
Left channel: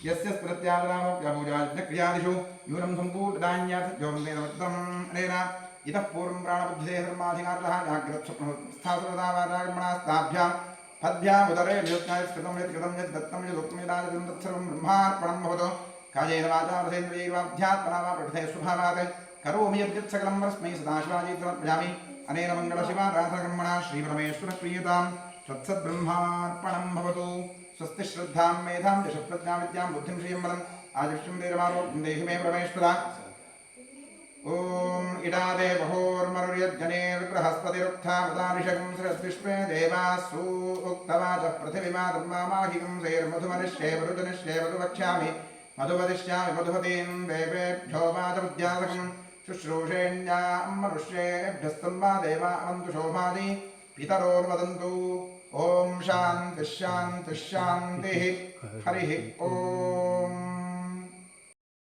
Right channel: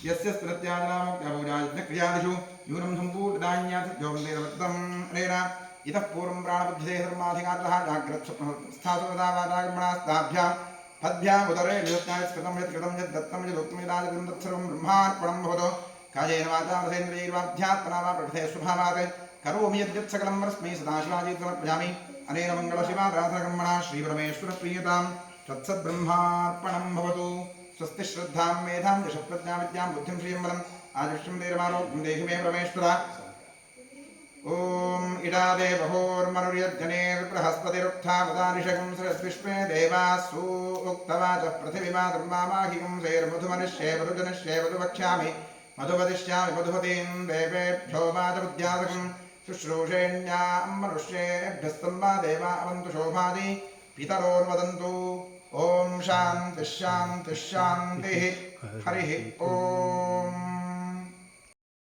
यस्य स्मृत्यादनामोक्तपूजादिक्रियादिषु न्यूनं सम्पूर्णदान्यात् जोगन्देदवृत्तम् अनेन इतः पूर्वं प्राणबुद्धिः धर्माधिकारतः जाग्रत्स्वस्थासुरता वाचागमनास्ताभ्यां पद्भ्याम् उदरे निरुत्नायस्कृतं यत् कृतं यत् दत्तं यदुक्तं यदादितं तत्सर्वं ब्रह्मार्पणं भवतु कायेन वाचा रसेन्द्रियैर्वाध्यात्मना वा प्रकृते स्वभावात् करोमि यद्यत् सकलं वरस्मै सदाशिवाय समर्पयामि अनेन मङ्गलशिवाराधनकर्मणा श्रीपरमेश्वरप्रियतां तत्सद्ब्रह्मार्पणं भवतु स्वस्ति श्रद्धां मेधां यशप्रज्ञां विद्यां बुद्धिं श्रियं बलम् आयुष्यं धीरमारोग्यं देहि मे परमेश्वरा ॐ इडादे बहोर्मरुर्यज्जनेर्बृहस्पतिरुक्थामदानिषगं सरस्विष्मे देवासु उक्तवाचः पृथिवीमातर्मामाहिकं सेर्मधुमनिष्ये मधुजनिष्ये मधु वक्ष्यामि मधुवदिष्यामि मधुपतीं देवेभ्यो वाचमुद्यासकं शुश्रूषेण्यां मनुष्येभ्यस्तम्बा देवा अवन्तु शोभादि पितरोर्वदन्तु ॐ शान्तिः शान्तिः शान्तिः हरिः ॐ